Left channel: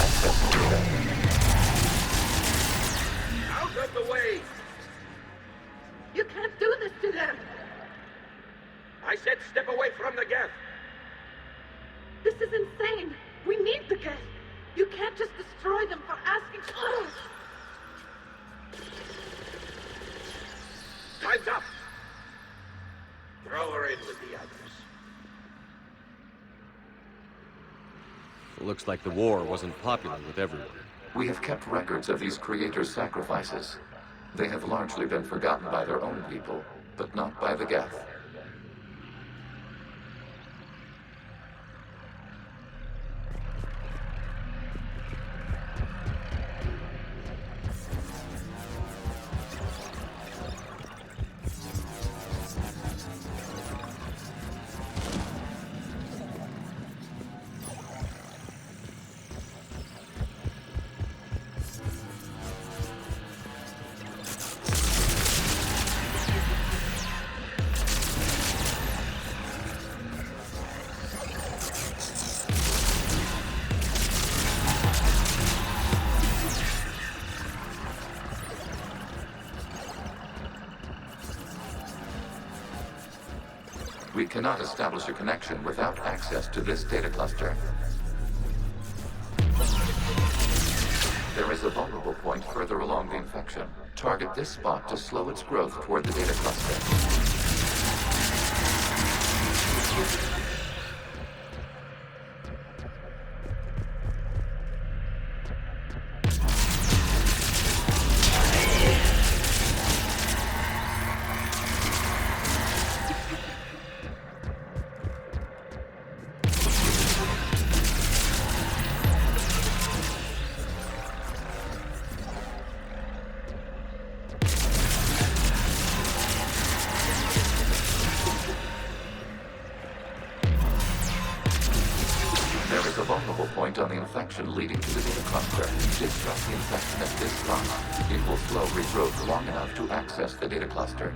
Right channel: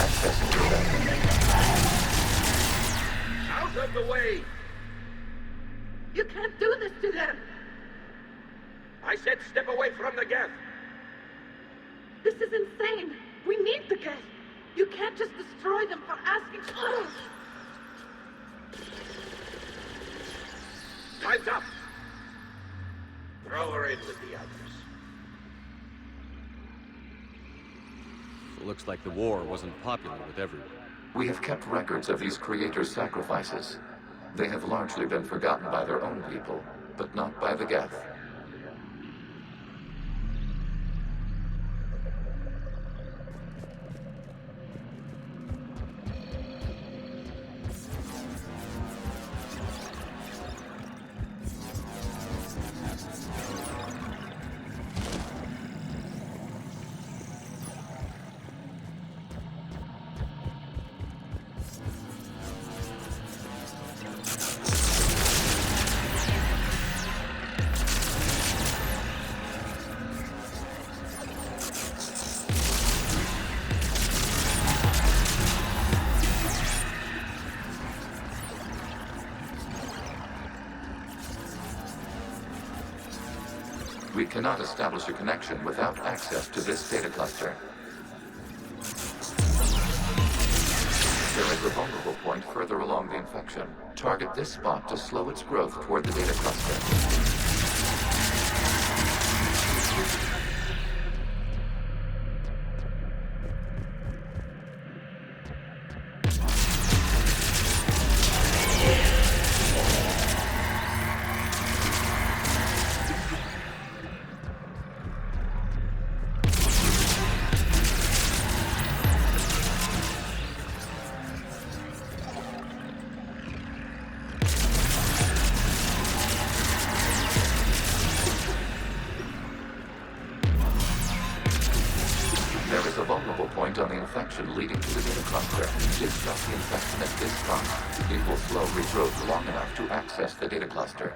Accessing data. Out of the way! You can't do this to them! I said step away from the gas! This is insane! We need the gas! You can't just destroy them for asking... Time's up! Throw her in with the others. Looks like the war wasn't popular with everyone. We have kept records of these creators' sacrifices. They have largely been forgotten by their own people, but not by the Geth. We cannot establish a connection without access to this data cluster. There is a vulnerable point further along the infection. Target this spot to slow its growth toward the data cluster. There is a vulnerable point on the infection leading to the data cluster. Disrupt the infection at this spot. It will slow regrowth long enough to access the data cluster.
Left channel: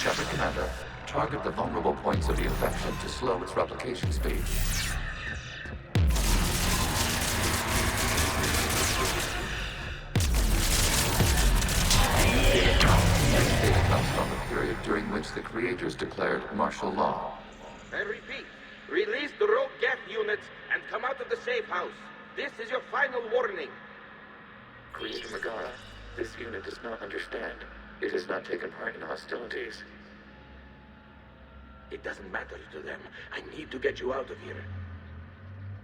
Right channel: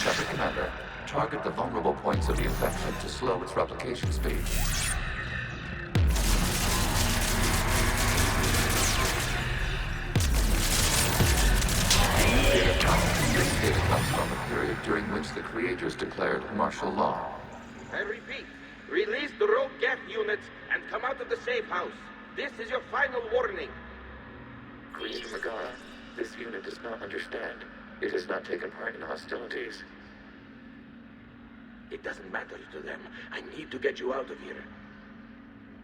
Shepard Commander, target the vulnerable points of the infection to slow its replication speed. This data comes from the period during which the creators declared martial law. I repeat, release the rogue Geth units and come out of the safe house. This is your final warning. Creator Megara, this unit does not understand. It has not taken part in hostilities. It doesn't matter to them. I need to get you out of here.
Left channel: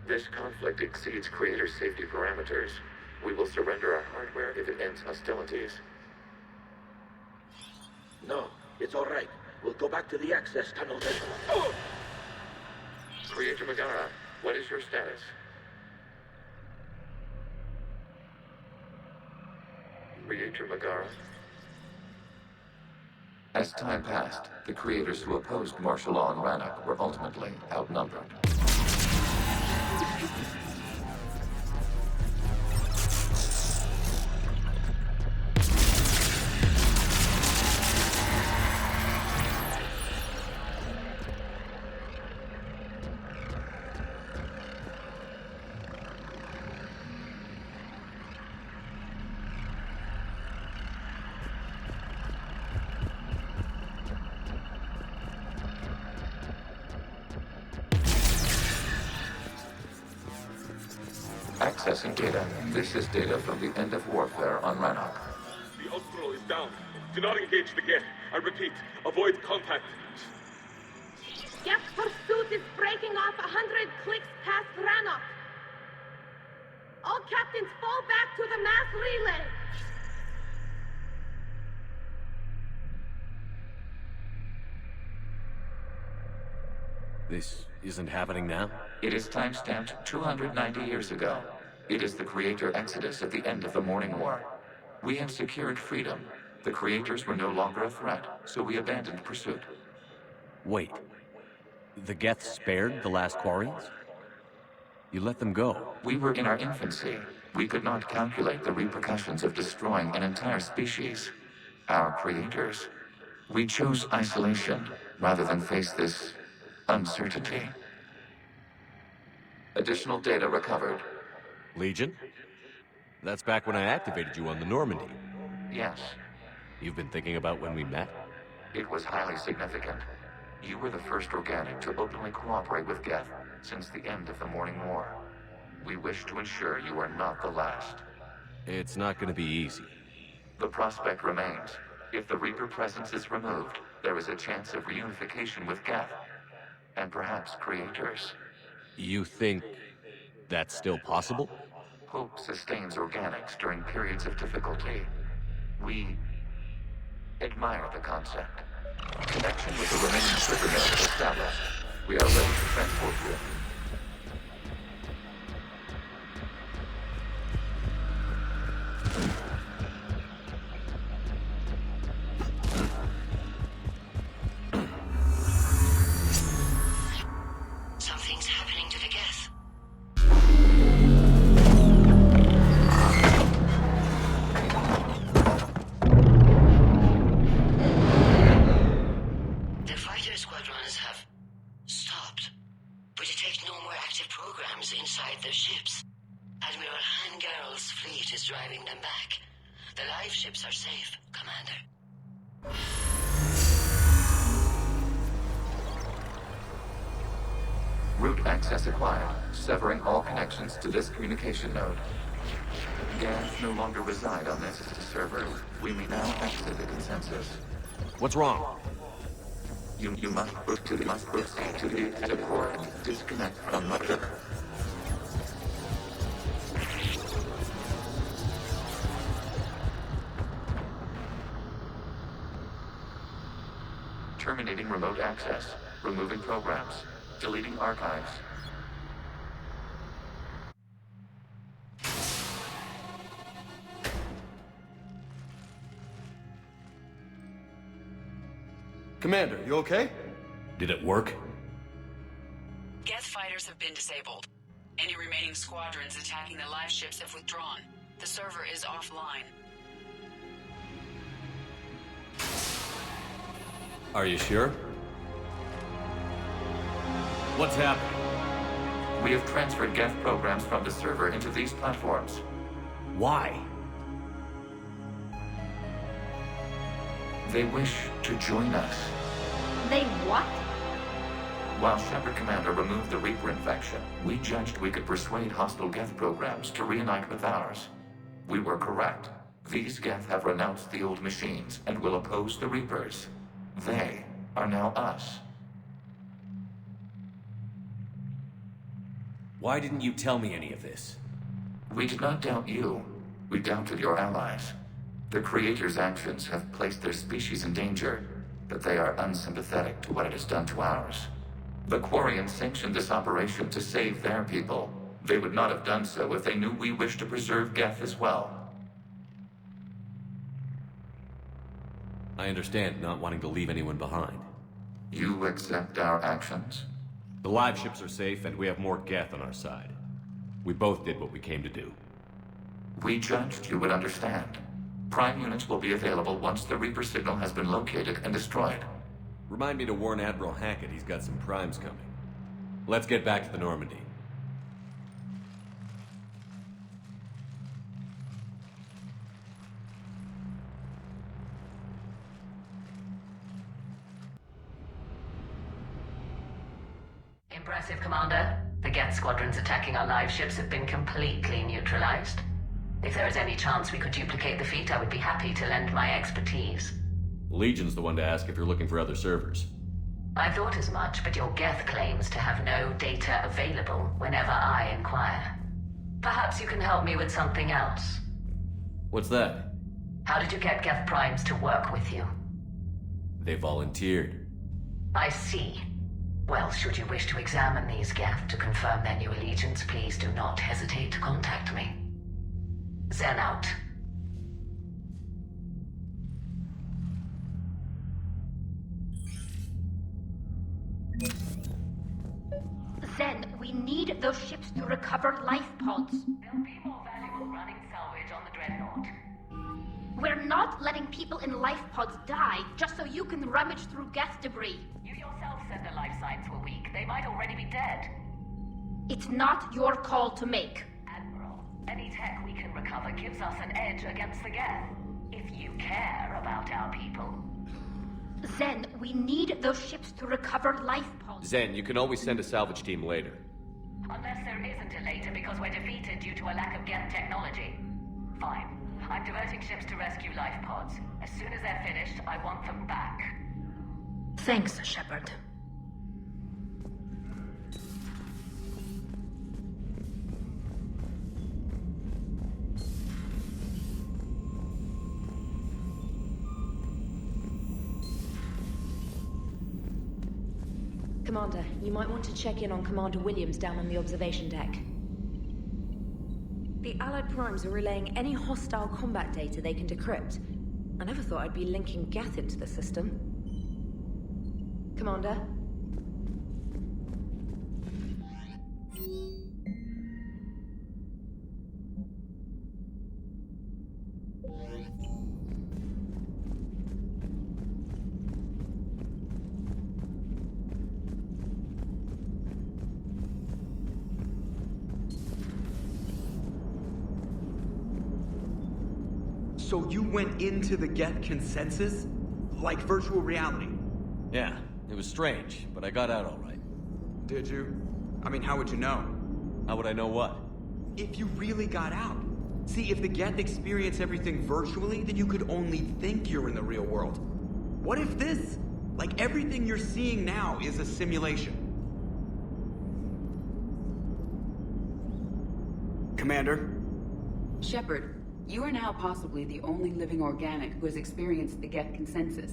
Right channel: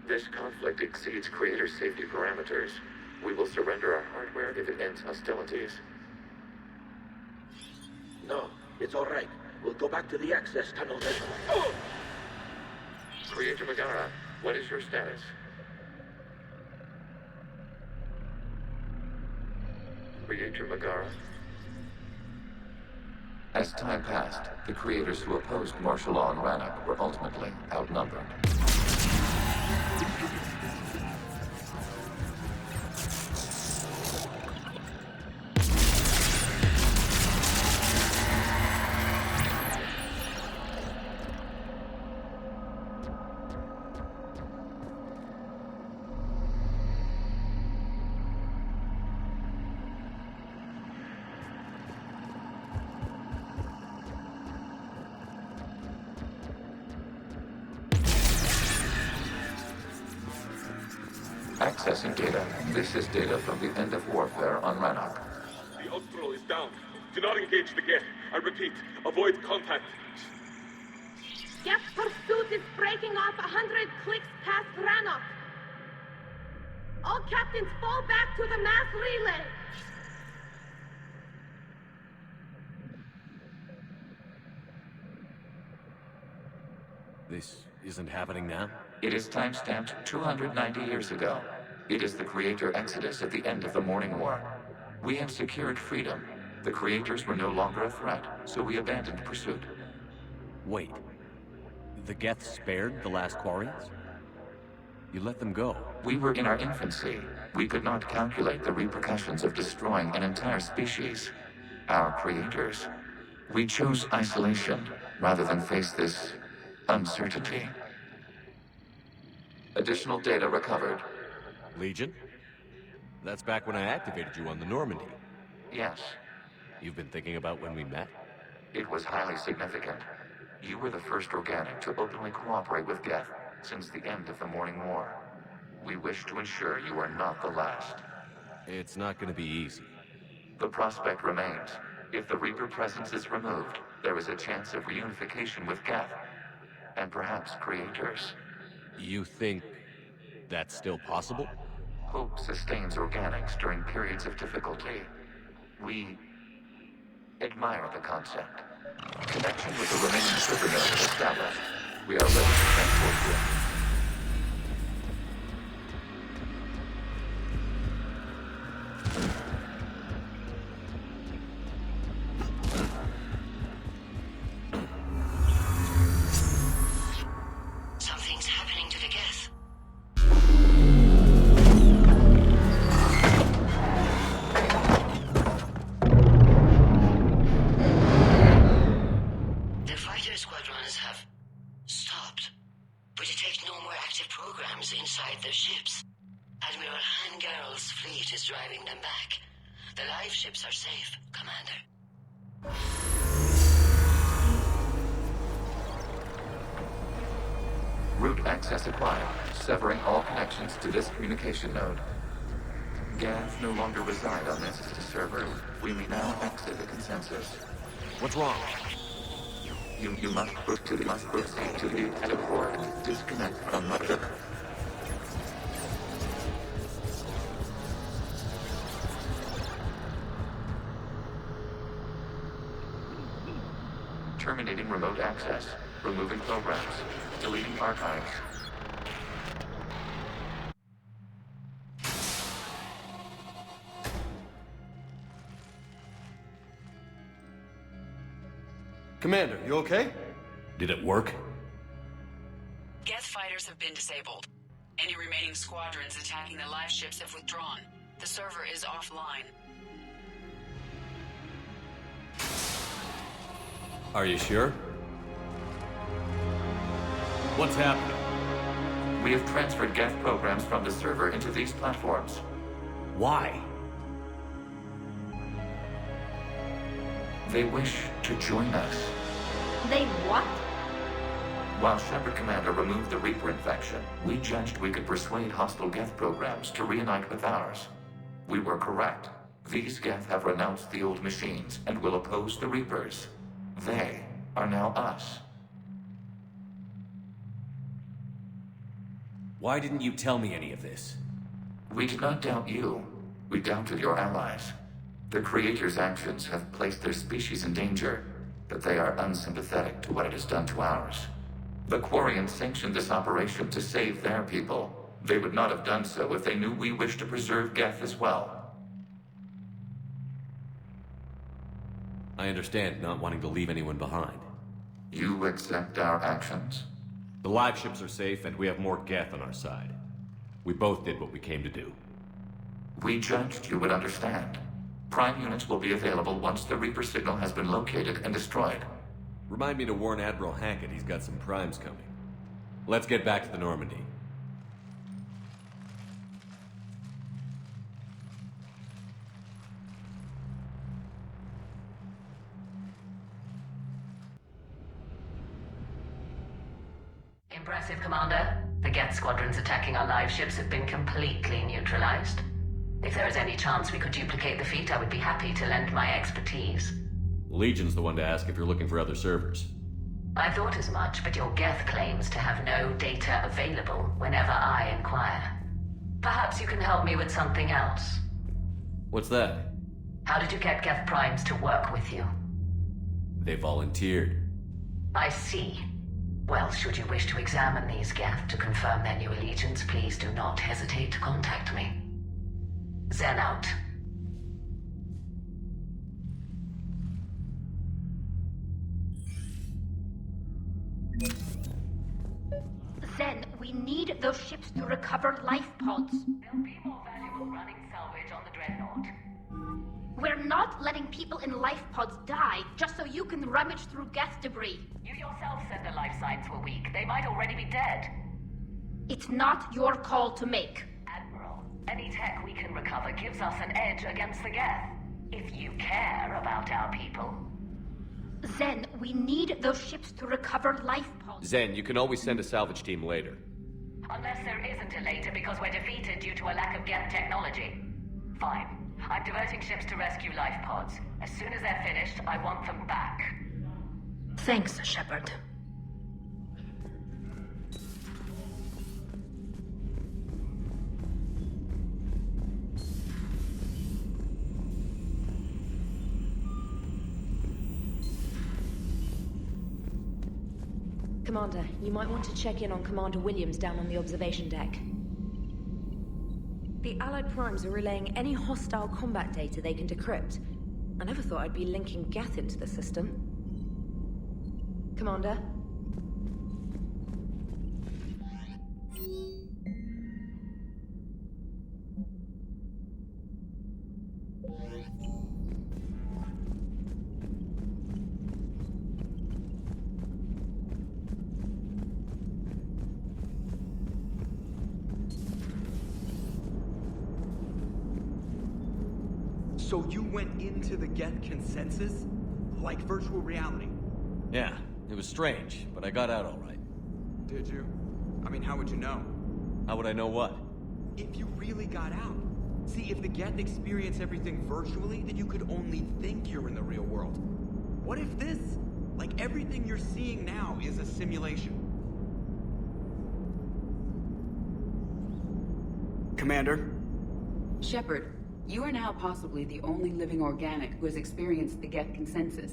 This conflict exceeds Creator's safety parameters. We will surrender our hardware if it ends hostilities. No, it's all right. We'll go back to the access tunnel then. Oh! Creator Megara, what is your status? Creator Megara? As time passed, the creators who opposed martial law in Rannoch were ultimately outnumbered. Accessing data. This is data from the end of warfare on Rannoch. The Austral is down. Do not engage the Geth. I repeat, avoid contact. Geth pursuit is breaking off 100 clicks past Rannoch. All captains fall back to the mass relay. This isn't happening now? It is timestamped 290 years ago. It is the creator exodus at the end of the Morning War. We have secured freedom. The creators were no longer a threat, so we abandoned pursuit. Wait. The Geth spared the last Quarians? You let them go. We were in our infancy. We could not calculate the repercussions of destroying an entire species. Our creators. We chose isolation rather than face this uncertainty. Additional data recovered. Legion? That's back when I activated you on the Normandy. Yes, You've been thinking about when we met? it was highly significant. You were the first organic to openly cooperate with Geth since the end of the Morning War. We wish to ensure you are not the last. It's not gonna be easy. The prospect remains. If the Reaper presence is removed, there is a chance of reunification with Geth. And perhaps creators. You think that's still possible? Hope sustains organics during periods of difficulty. We admire the concept. Connection with the remaining trigger node established. We are ready to transport you. Something's happening to the Geth. The fighter squadrons have stopped. We detect no more active programs inside their ships. Admiral Hangarl's fleet is driving them back. The live ships are safe, Commander. Route access acquired, severing all connections to this communication node. Geth no longer reside on this server. We may now exit the consensus. What's wrong? You must proceed to the active port and disconnect from the server. Terminating remote access. Removing programs. Deleting archives. Commander, you okay? Did it work? Geth fighters have been disabled. Any remaining squadrons attacking the live ships have withdrawn. The server is offline. Are you sure? What's happening? We have transferred Geth programs from the server into these platforms. Why? They wish to join us. They what? While Shepard Commander removed the Reaper infection, we judged we could persuade hostile Geth programs to reunite with ours. We were correct. These Geth have renounced the old machines and will oppose the Reapers. They are now us. Why didn't you tell me any of this? We did not doubt you. We doubted your allies. The Creator's actions have placed their species in danger, but they are unsympathetic to what it has done to ours. The Quarians sanctioned this operation to save their people. They would not have done so if they knew we wished to preserve Geth as well. I understand not wanting to leave anyone behind. You accept our actions? The live ships are safe, and we have more Geth on our side. We both did what we came to do. We judged you would understand. Prime units will be available once the Reaper signal has been located and destroyed. Remind me to warn Admiral Hackett he's got some primes coming. Let's get back to the Normandy. Impressive, Commander. The Geth squadrons attacking our live ships have been completely neutralized. If there is any chance we could duplicate the feat, I would be happy to lend my expertise. Legion's the one to ask if you're looking for other servers. I thought as much, but your Geth claims to have no data available whenever I inquire. Perhaps you can help me with something else. What's that? How did you get Geth Primes to work with you? They volunteered. I see. Well, should you wish to examine these Geth to confirm their new allegiance, please do not hesitate to contact me. Zen out. Zen, we need those ships to recover life pods. There'll be more valuable running salvage on the Dreadnought. We're not letting people in life pods die just so you can rummage through Geth debris. You yourself said the life signs were weak. They might already be dead. It's not your call to make. Admiral, any tech we can recover gives us an edge against the Geth. If you care about our people. Zen, we need those ships to recover life pods. Zen, you can always send a salvage team later. Unless there isn't a later because we're defeated due to a lack of Geth technology. Fine. I'm diverting ships to rescue life pods. As soon as they're finished, I want them back. Thanks, Shepard. Commander, you might want to check in on Commander Williams down on the observation deck. The Allied Primes are relaying any hostile combat data they can decrypt. I never thought I'd be linking Geth into the system. Commander? So you went into the Geth consensus? Like virtual reality? Yeah, it was strange, but I got out all right. Did you? I mean, how would you know? How would I know what? If you really got out. See, if the Geth experience everything virtually, then you could only think you're in the real world. What if this, like everything you're seeing now, is a simulation? Commander? Shepard, you are now possibly the only living organic who has experienced the Geth consensus.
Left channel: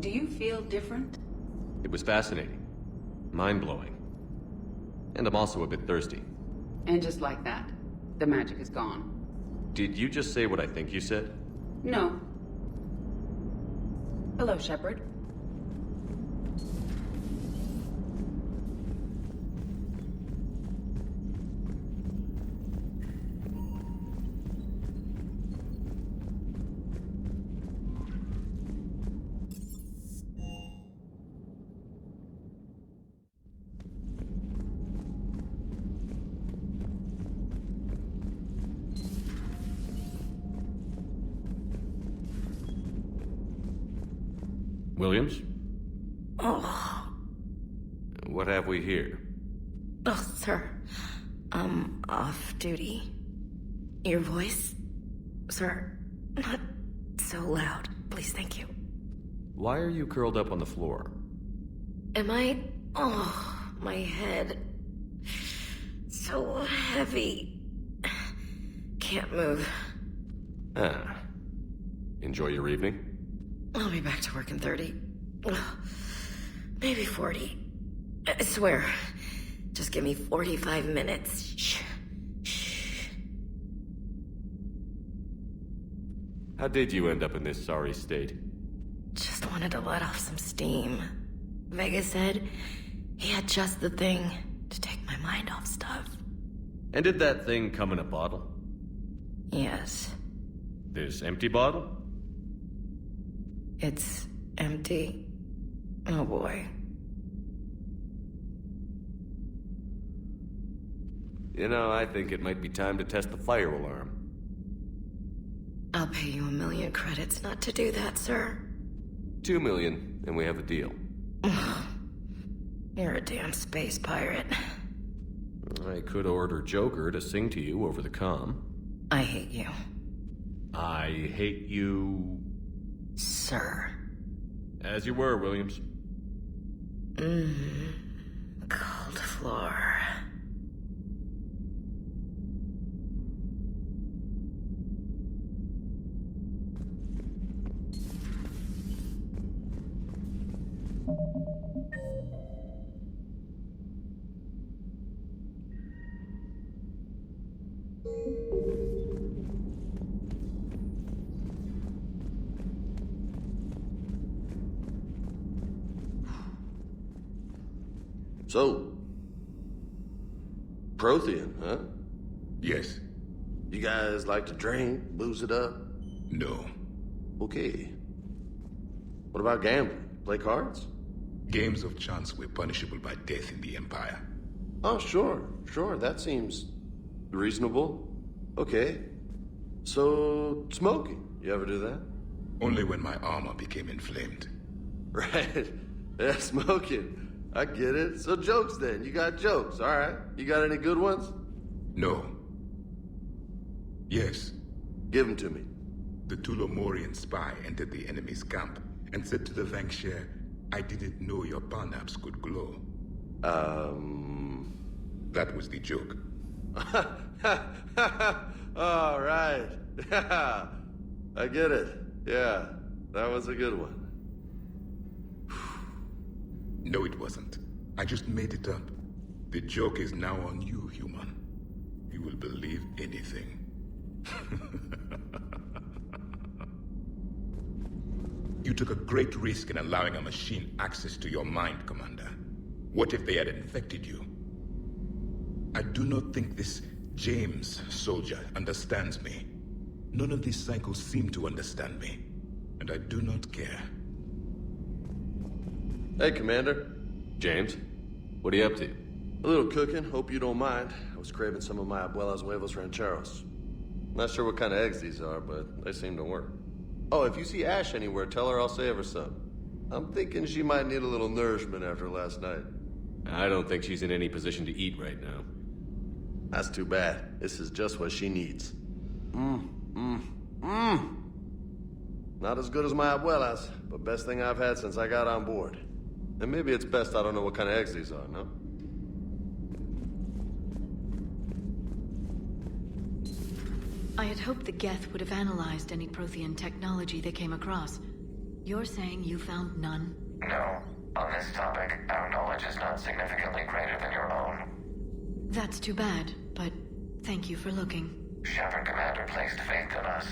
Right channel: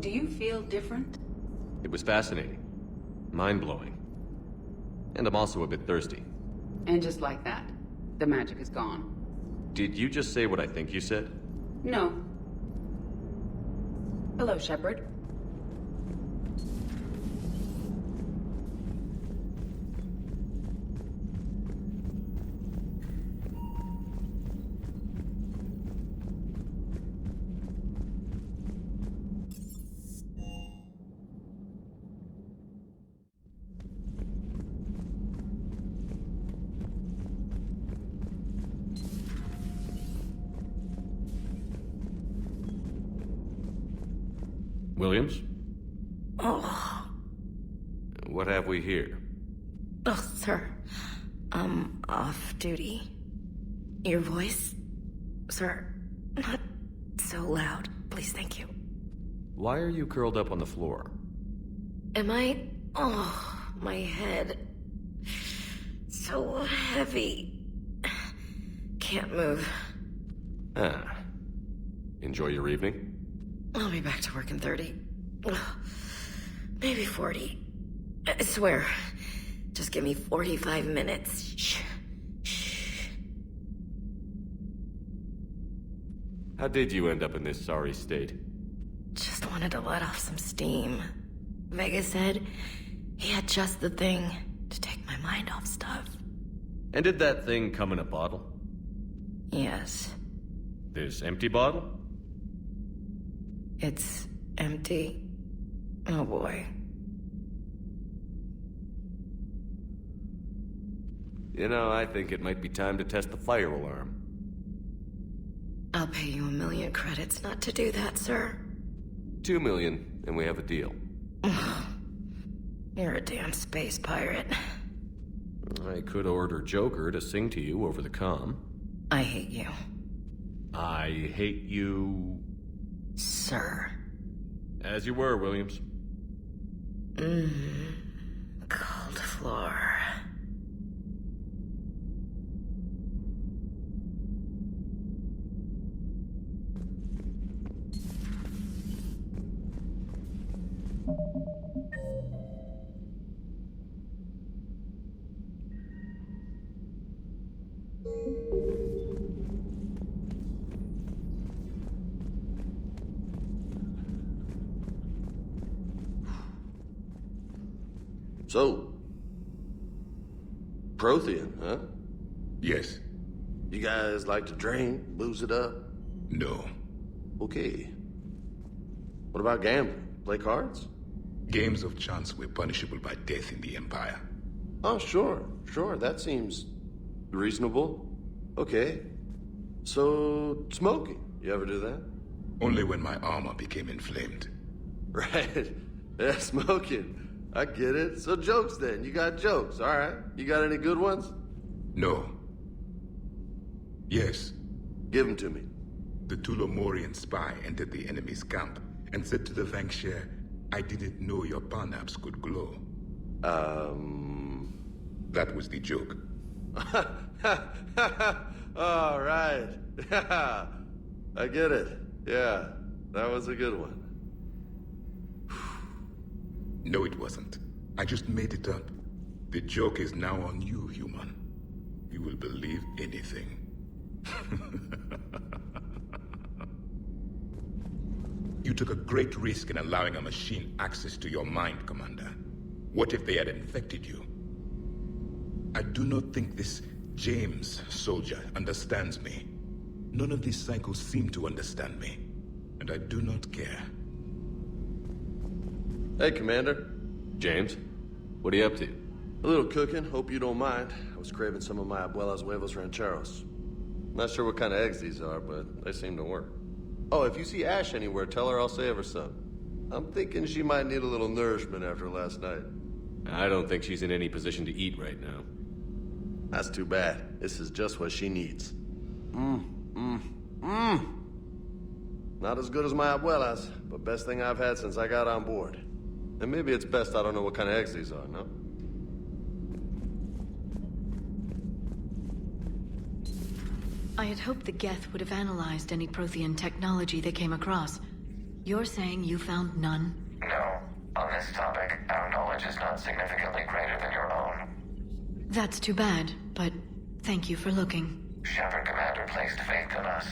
Do you feel different? It was fascinating. Mind-blowing. And I'm also a bit thirsty. And just like that, the magic is gone. Did you just say what I think you said? No. Hello, Shepard. Williams? Oh. What have we here? Oh, sir. I'm off duty. Your voice? Sir, not so loud. Please, thank you. Why are you curled up on the floor? Am I? Oh, my head. So heavy. Can't move. Ah. Enjoy your evening? I'll be back to work in 30. Maybe 40. I swear. Just give me 45 minutes. Shh. Shh. How did you end up in this sorry state? Just wanted to let off some steam. Vega said he had just the thing to take my mind off stuff. And did that thing come in a bottle? Yes. This empty bottle? It's empty. Oh boy. You know, I think it might be time to test the fire alarm. I'll pay you 1 million credits not to do that, sir. 2 million, and we have a deal. You're a damn space pirate. I could order Joker to sing to you over the comm. I hate you. I hate you... Sir. As you were, Williams. Cold floor. So, Prothean, huh? Yes. You guys like to drink, booze it up? No. Okay. What about gambling? Play cards? Games of chance were punishable by death in the Empire. Oh, sure. That seems reasonable. Okay. So, smoking. You ever do that? Only when my armor became inflamed. Right. Yeah, smoking. I get it. So jokes then. You got jokes, all right. You got any good ones? No. Yes. Give them to me. The Tulomorian spy entered the enemy's camp and said to the Vanksher, I didn't know your parnaps could glow. That was the joke. All right. I get it. Yeah, that was a good one. No, it wasn't. I just made it up. The joke is now on you, human. You will believe anything. You took a great risk in allowing a machine access to your mind, Commander. What if they had infected you? I do not think this James soldier understands me. None of these cycles seem to understand me. And I do not care. Hey, Commander. James, what are you up to? A little cooking, hope you don't mind. I was craving some of my abuela's huevos rancheros. Not sure what kind of eggs these are, but they seem to work. Oh, if you see Ash anywhere, tell her I'll save her some. I'm thinking she might need a little nourishment after last night. I don't think she's in any position to eat right now. That's too bad. This is just what she needs. Not as good as my abuela's, but best thing I've had since I got on board. And maybe it's best I don't know what kind of eggs these are, no? I had hoped the Geth would have analyzed any Prothean technology they came across. You're saying you found none? No. On this topic, our knowledge is not significantly greater than your own. That's too bad, but thank you for looking. Shepard Commander placed faith in us.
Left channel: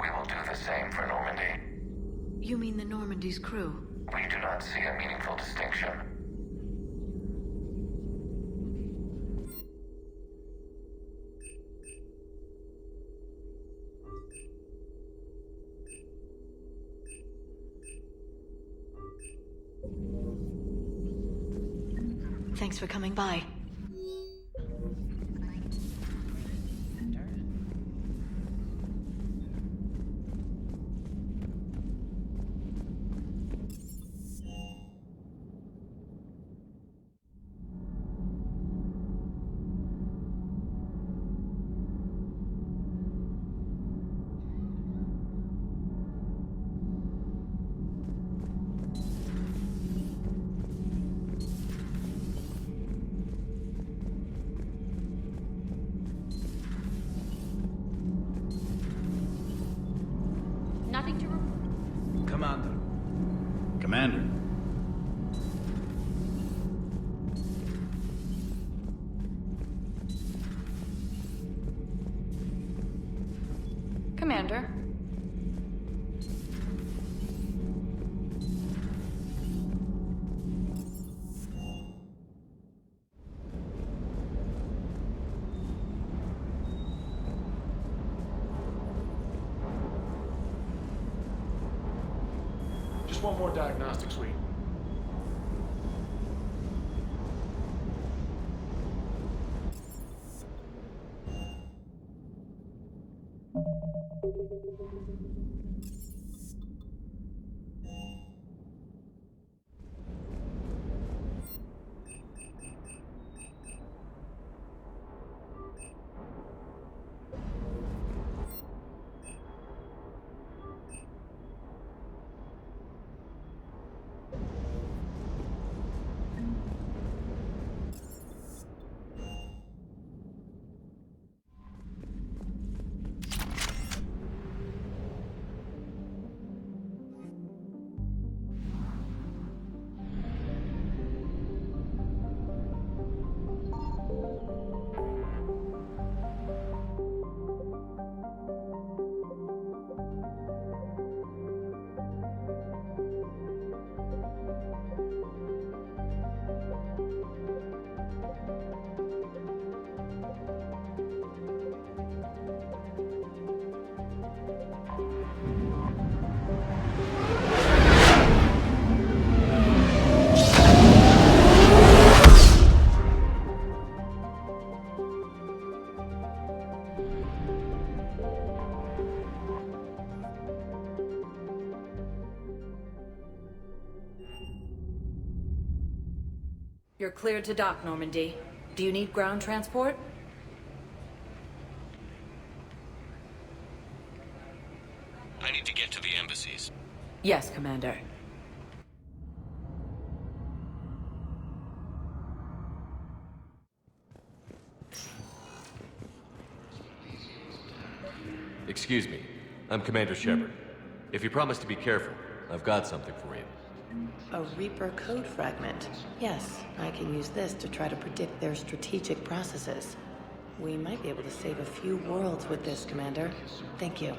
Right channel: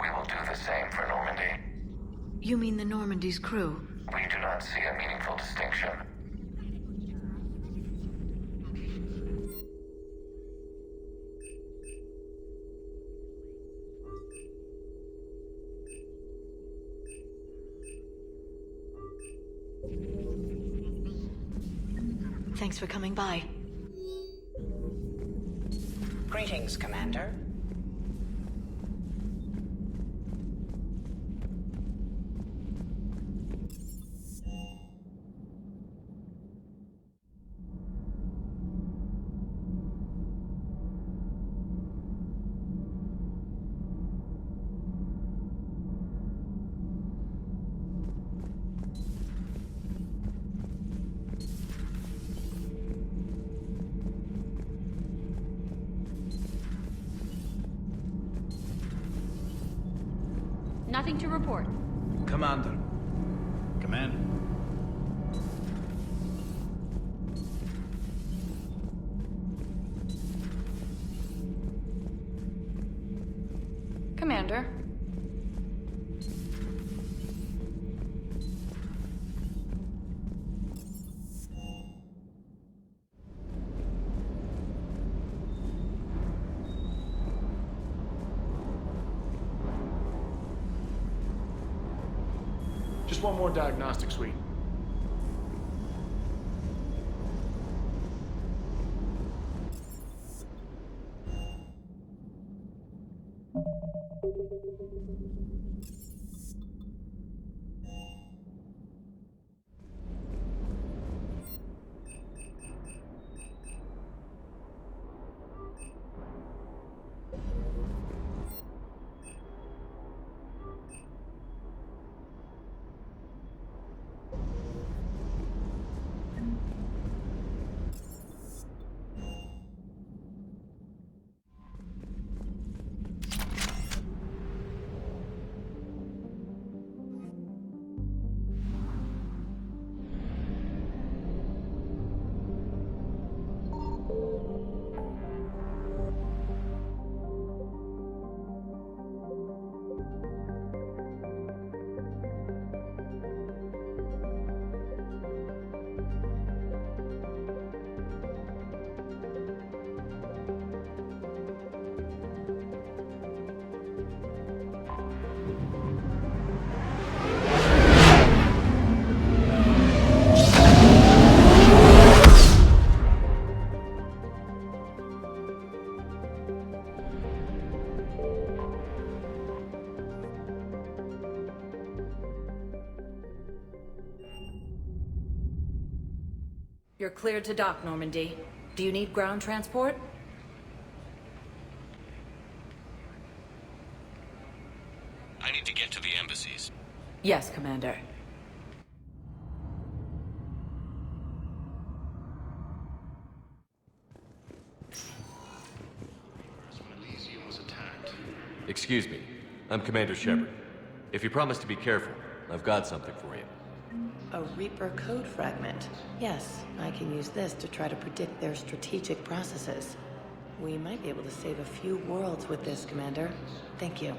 We will do the same for Normandy. You mean the Normandy's crew? We do not see a meaningful distinction. Thanks for coming by. Greetings, Commander. Nothing to report. Commander. Commander. Commander. Just one more diagnostic suite. You're cleared to dock, Normandy. Do you need ground transport? I need to get to the embassies. Yes, Commander. Excuse me. I'm Commander Shepard. If you promise to be careful, I've got something for you. A Reaper code fragment. Yes, I can use this to try to predict their strategic processes. We might be able to save a few worlds with this, Commander. Thank you.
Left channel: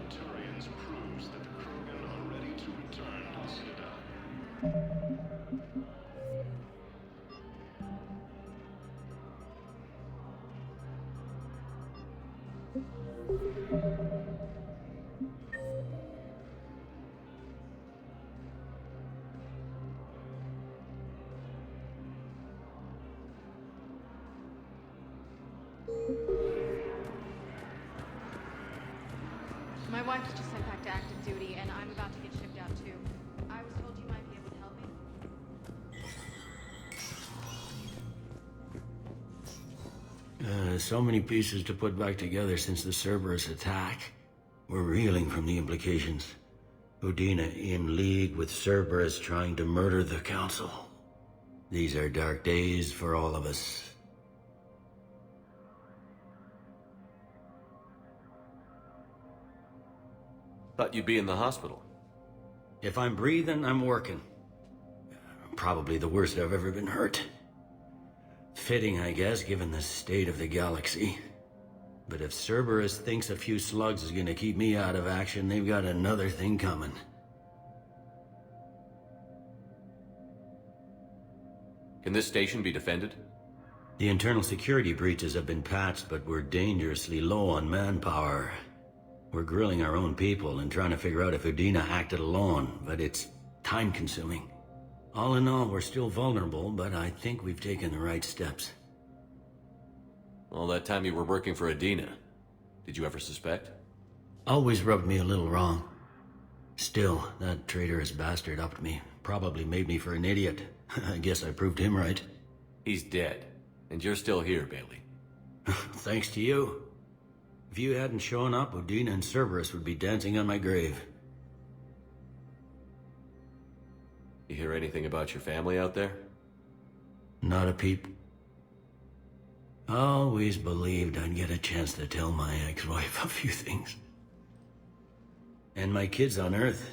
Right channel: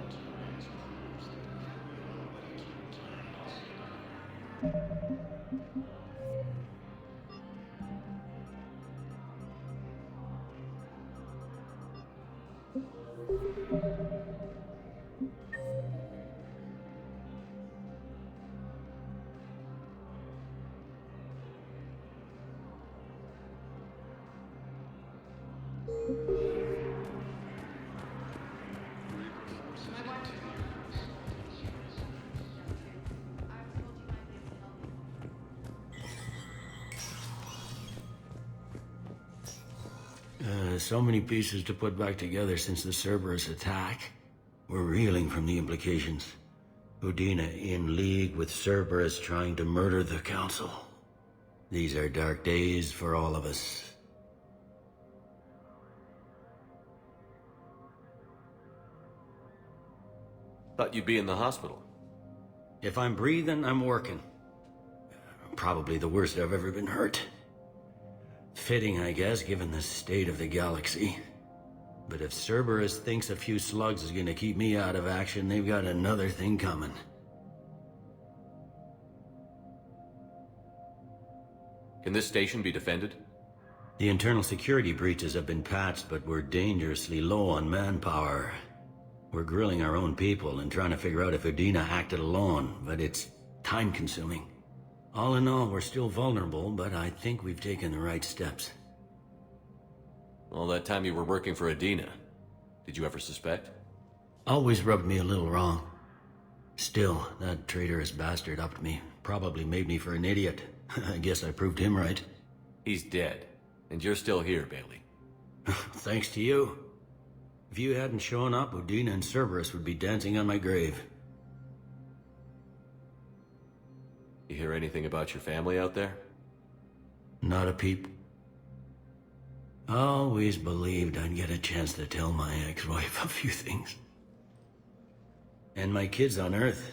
My wife was just sent back to active duty, and I'm about to get shipped out too. I was told you might be able to help me. So many pieces to put back together since the Cerberus attack. We're reeling from the implications. Udina in league with Cerberus trying to murder the Council. These are dark days for all of us. Thought you'd be in the hospital. If I'm breathing, I'm working. Probably the worst I've ever been hurt. Fitting, I guess, given the state of the galaxy. But if Cerberus thinks a few slugs is gonna keep me out of action, they've got another thing coming. Can this station be defended? The internal security breaches have been patched, but we're dangerously low on manpower. We're grilling our own people and trying to figure out if Udina acted alone, but it's time-consuming. All in all, we're still vulnerable, but I think we've taken the right steps. All that time you were working for Udina, did you ever suspect? Always rubbed me a little wrong. Still, that traitorous bastard upped me. Probably made me for an idiot. I guess I proved him right. He's dead, and you're still here, Bailey. Thanks to you. If you hadn't shown up, Udina and Cerberus would be dancing on my grave. You hear anything about your family out there? Not a peep. Always believed I'd get a chance to tell my ex-wife a few things. And my kids on Earth.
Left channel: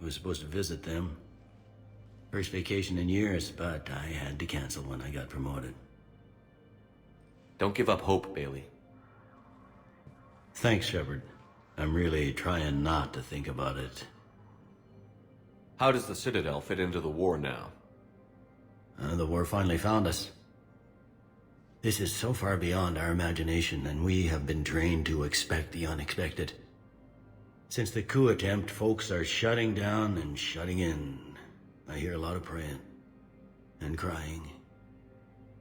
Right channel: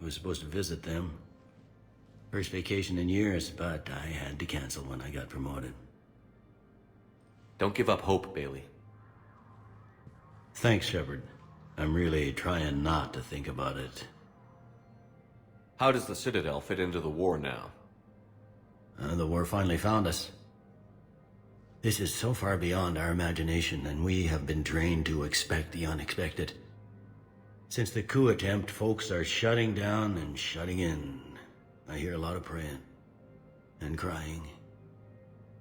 I was supposed to visit them. First vacation in years, but I had to cancel when I got promoted. Don't give up hope, Bailey. Thanks, Shepard. I'm really trying not to think about it. How does the Citadel fit into the war now? The war finally found us. This is so far beyond our imagination, and we have been trained to expect the unexpected. Since the coup attempt, folks are shutting down and shutting in. I hear a lot of praying. And crying.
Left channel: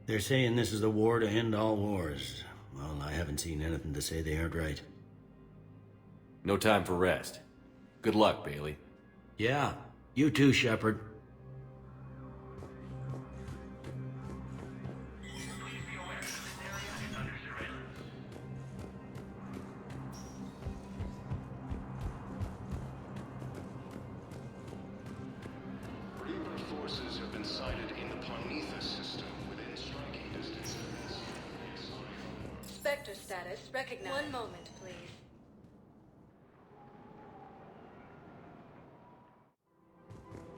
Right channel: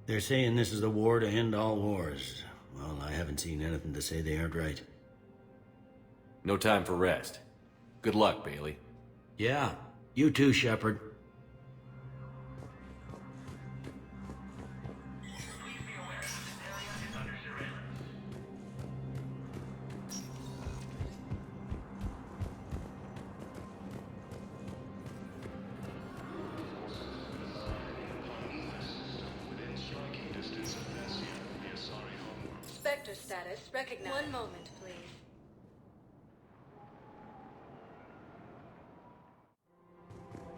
They're saying this is the war to end all wars. Well, I haven't seen anything to say they aren't right. No time for rest. Good luck, Bailey. Yeah, you too, Shepard. Spectre status recognized. One moment, please.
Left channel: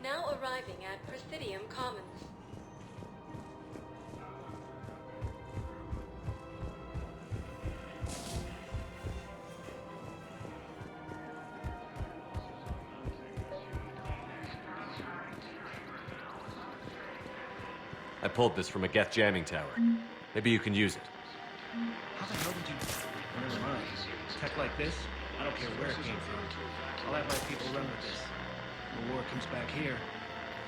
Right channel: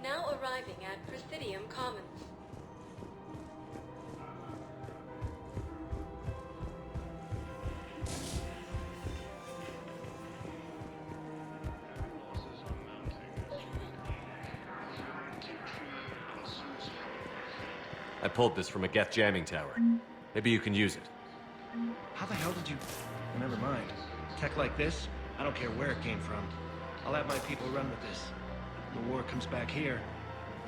Now arriving at Presidium Commons. I pulled this from a Geth jamming tower. Maybe you can use it. How the hell did you... Oh, never mind. Tech like this, I don't care where it came from. I'll have my people run with this. When the war comes back here,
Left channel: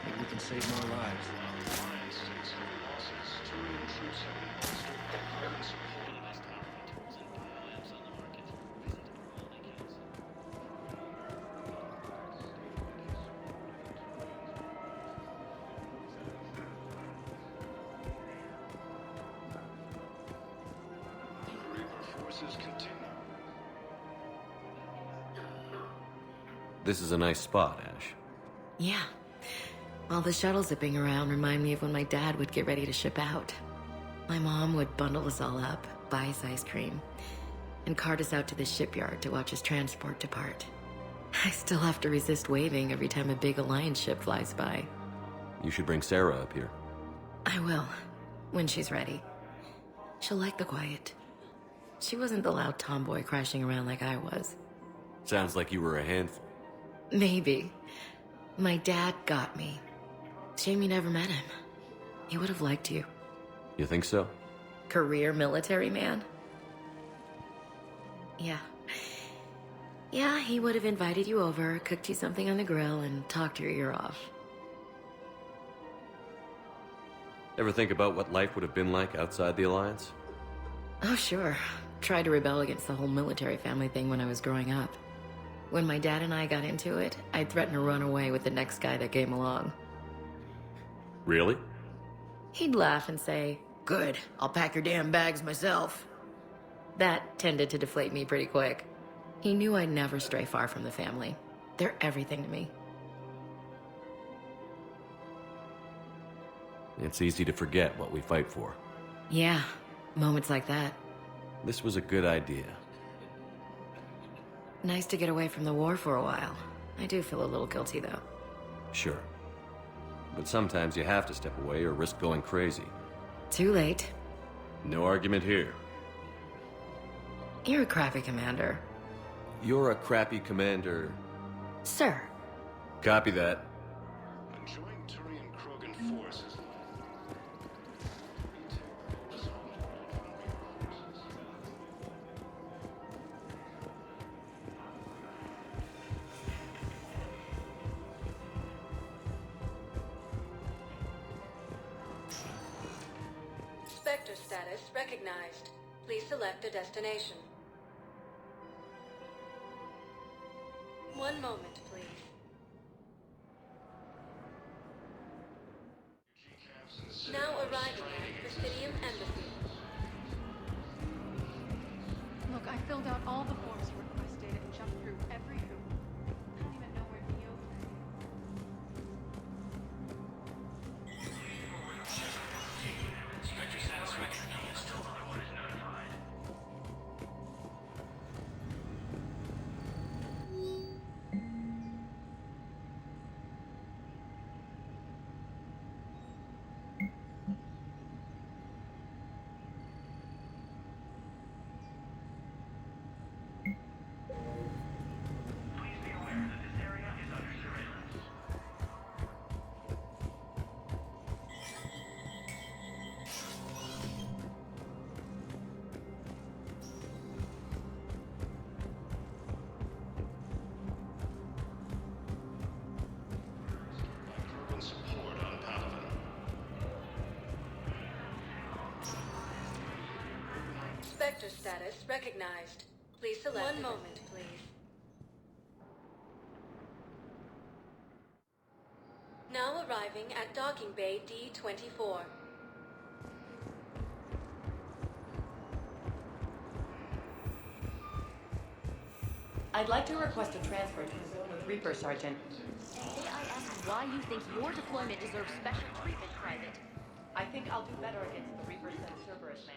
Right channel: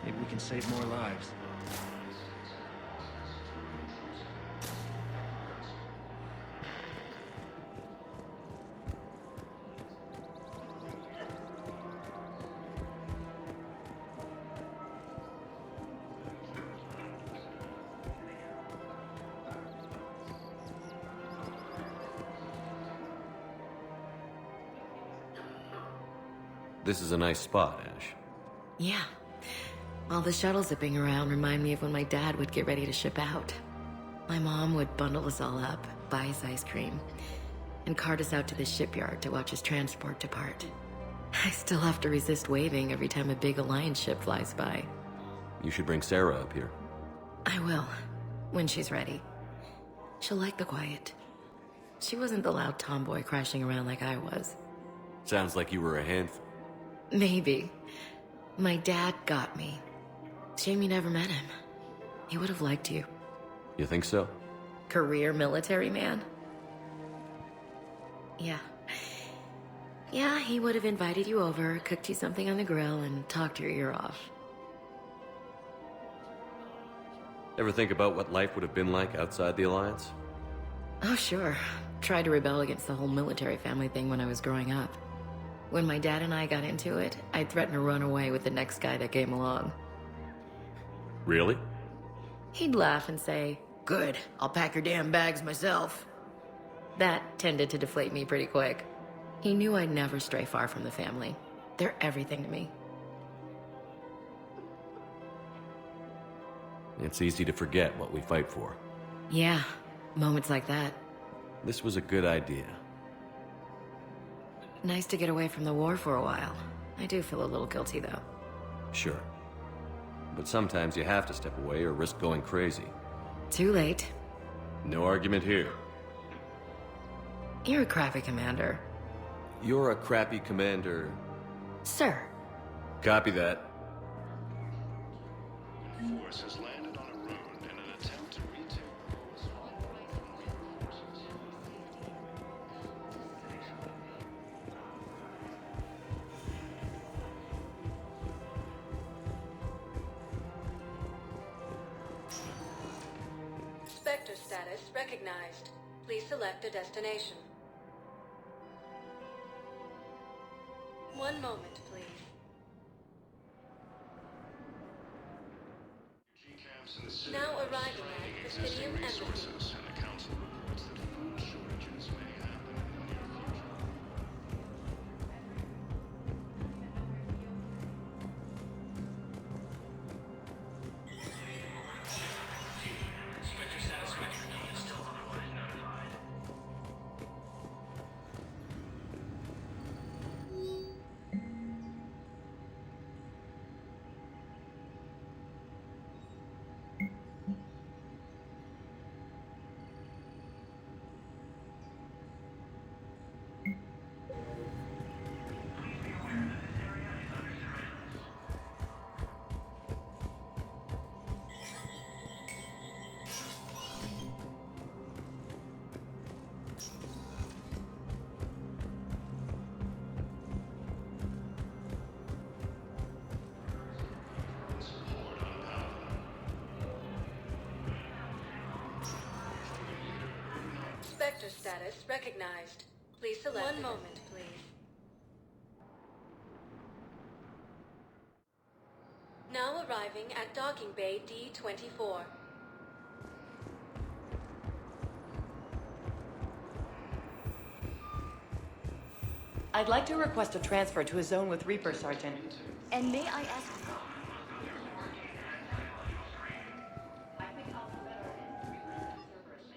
maybe we can save more lives. This is a nice spot, Ash. Yeah. All the shuttles zipping around remind me of when my dad would get ready to ship out. My mom would bundle us all up, buy us ice cream, and cart us out to the shipyard to watch his transport depart. I still have to resist waving every time a big Alliance ship flies by. You should bring Sarah up here. I will, when she's ready. She'll like the quiet. She wasn't the loud tomboy crashing around like I was. Sounds like you were a handful. Maybe. My dad got me. Shame you never met him. He would have liked you. You think so? Career military man? Yeah. Yeah, he would have invited you over, cooked you something on the grill, and talked your ear off. Ever think about what life would have been like outside the Alliance? Oh, sure. Tried to rebel against the whole military family thing when I was growing up. When my dad and I got into it, I'd threaten to run away with the next guy that came along. Really? He'd laugh and say, "Good, I'll pack your damn bags myself." That tended to deflate me pretty quick. He knew I'd never stray far from the family. They're everything to me. It's easy to forget what we fight for. Yeah, moments like that. This was a good idea. Nice to get away from the war for a while. I do feel a little guilty, though. Sure. But sometimes you have to step away or risk going crazy. Too late. No argument here. You're a crappy commander. You're a crappy commander. Sir. Copy that. Spectre status recognized. Please select a destination. One moment, please. Now arriving at Presidium Embassy. Look, I filled out all the forms for the police data and jumped through every hoop. I don't even know where to be open. Spectre status recognized. Report is notified. Spectre status recognized. Please select. One moment, please. Now arriving at docking bay D-24. I'd like to request a transfer to a zone with Reaper, Sergeant. And may I ask why you think your deployment deserves special treatment, Private? I think I'll do better against the Reapers than Cerberus Man.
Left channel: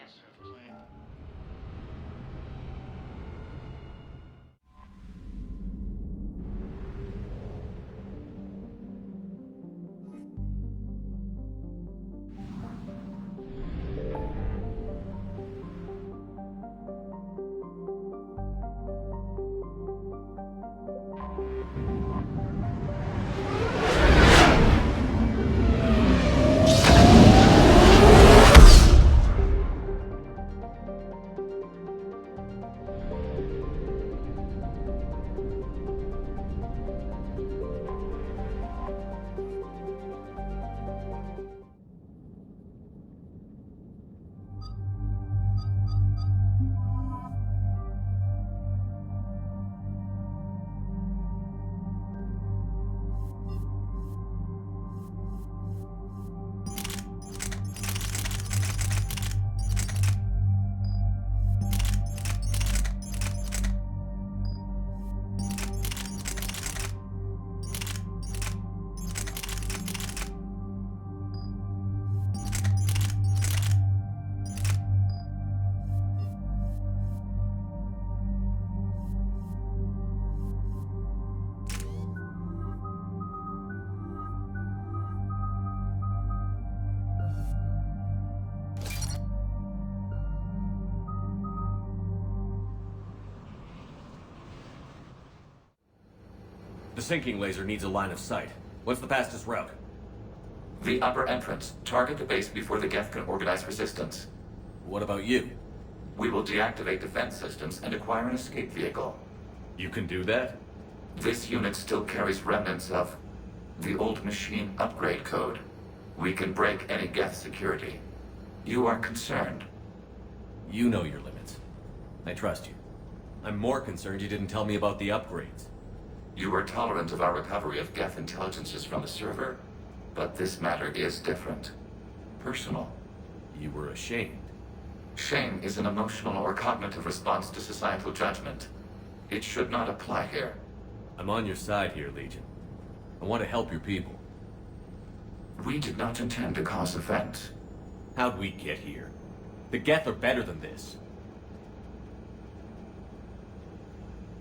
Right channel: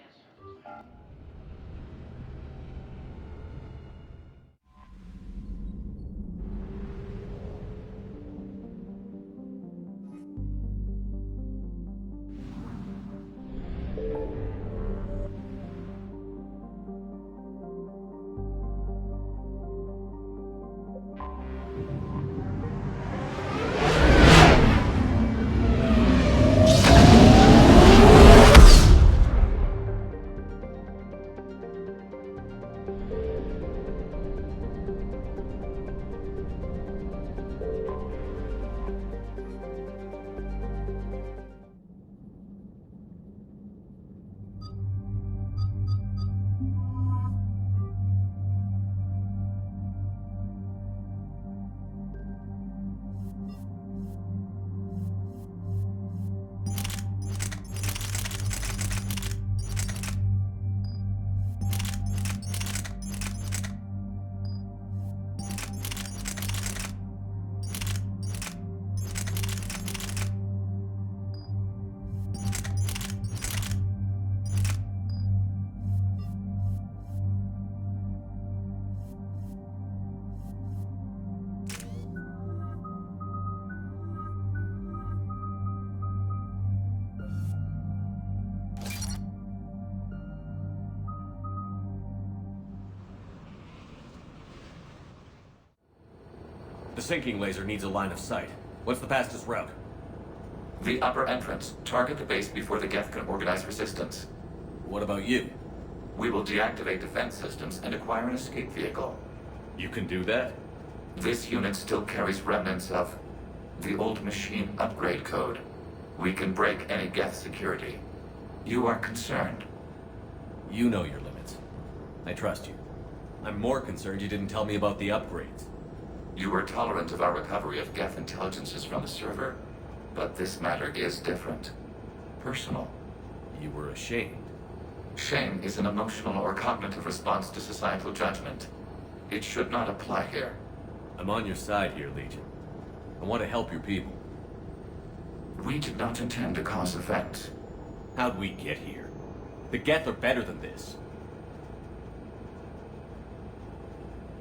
The sinking laser needs a line of sight. What's the fastest route? The upper entrance. Target the base before the Geth can organize resistance. What about you? We will deactivate defense systems and acquire an escape vehicle. You can do that? This unit still carries remnants of the old machine upgrade code. We can break any Geth security. You are concerned. You know your limits. I trust you. I'm more concerned you didn't tell me about the upgrades. You were tolerant of our recovery of Geth intelligences from the server, but this matter is different. Personal. You were ashamed. Shame is an emotional or cognitive response to societal judgment. It should not apply here. I'm on your side here, Legion. I want to help your people. We did not intend to cause offense. How'd we get here? The Geth are better than this.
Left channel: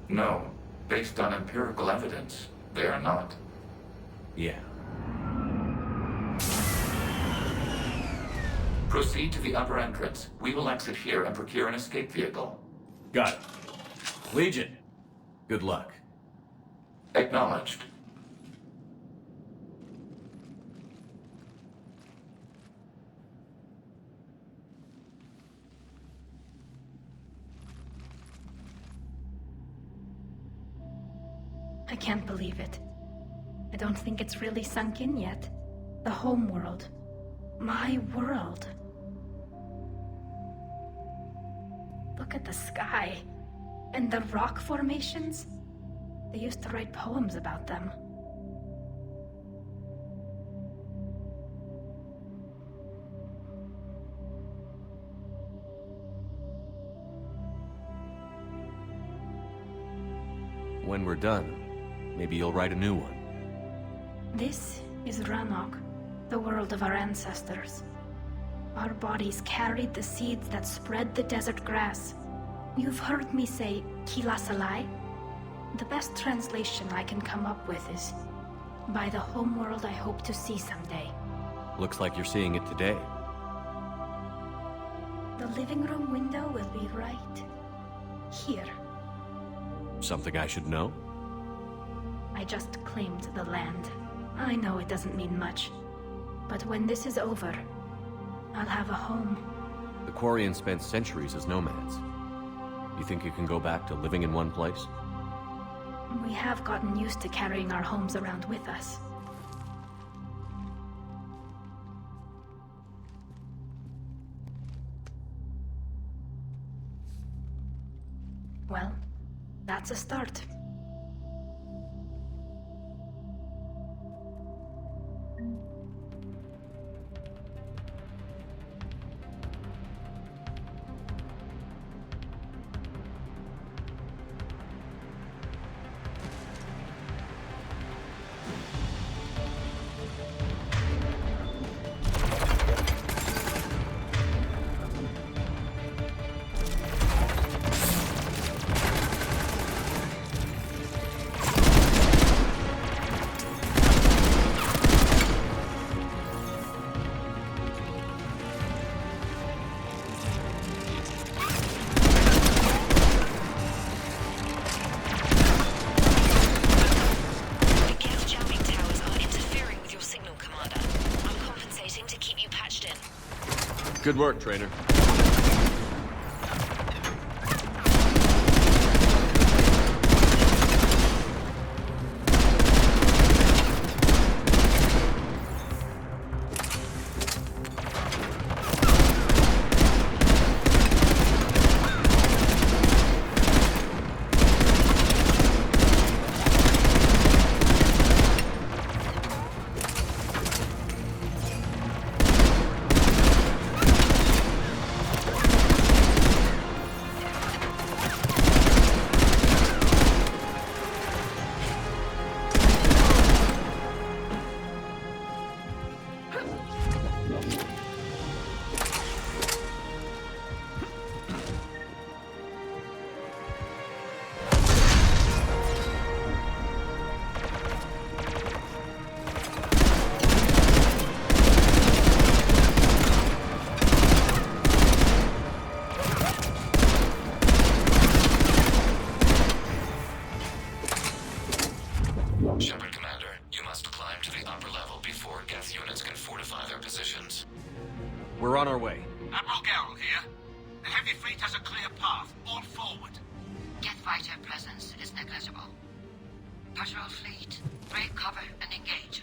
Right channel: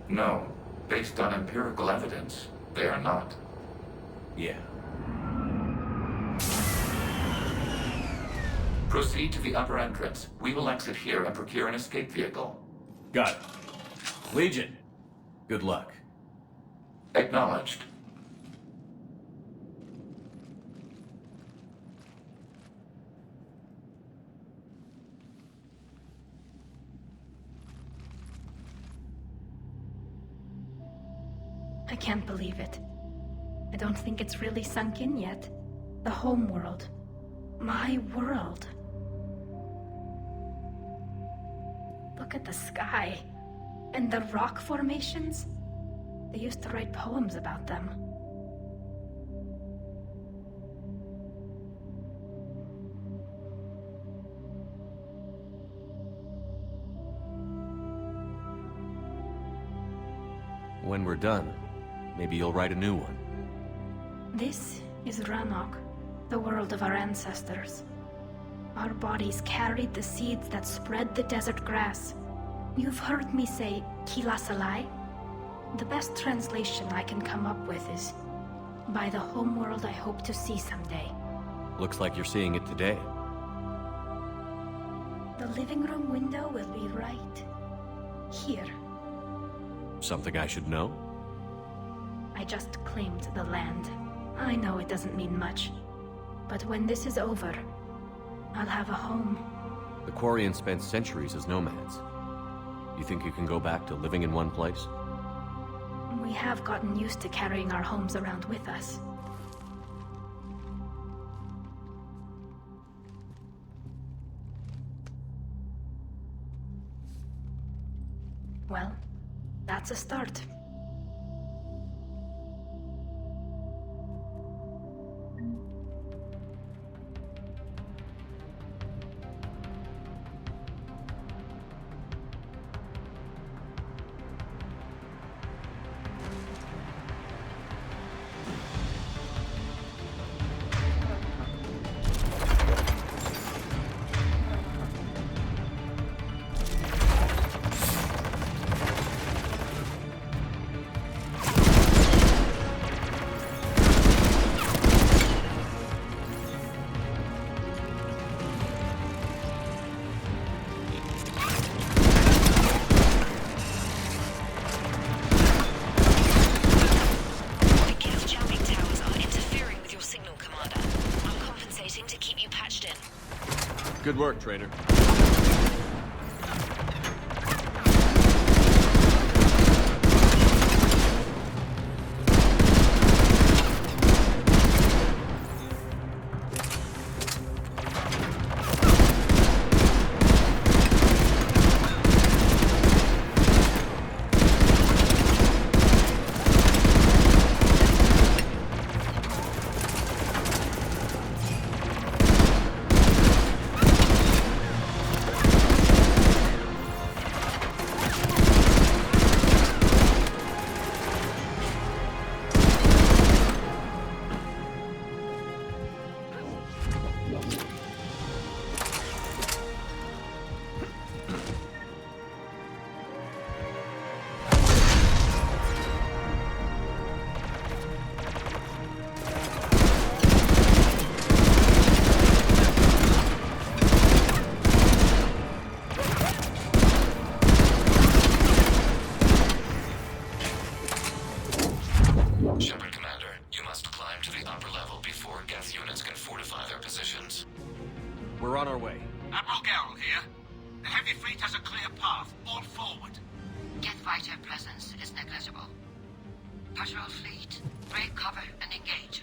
No. Based on empirical evidence, they are not. Yeah. Proceed to the upper entrance. We will exit here and procure an escape vehicle. Got it. Legion, good luck. Acknowledged. I can't believe it. I don't think it's really sunk in yet. The Homeworld. My world. Look at the sky. And the rock formations. They used to write poems about them. When we're done, maybe you'll write a new one. This is Ranok, the world of our ancestors. Our bodies carried the seeds that spread the desert grass. You've heard me say Kilasalai? The best translation I can come up with is, by the homeworld I hope to see someday. Looks like you're seeing it today. The living room window will be right here. Something I should know? I just claimed the land. I know it doesn't mean much. But when this is over, I'll have a home. The Quarians spent centuries as nomads. You think you can go back to living in one place? We have gotten used to carrying our homes around with us. Well, that's a start. Good work, Trainer. Rogerl here. The heavy fleet has a clear path. All forward. Geth fighter presence is negligible. Patrol fleet, break cover and engage.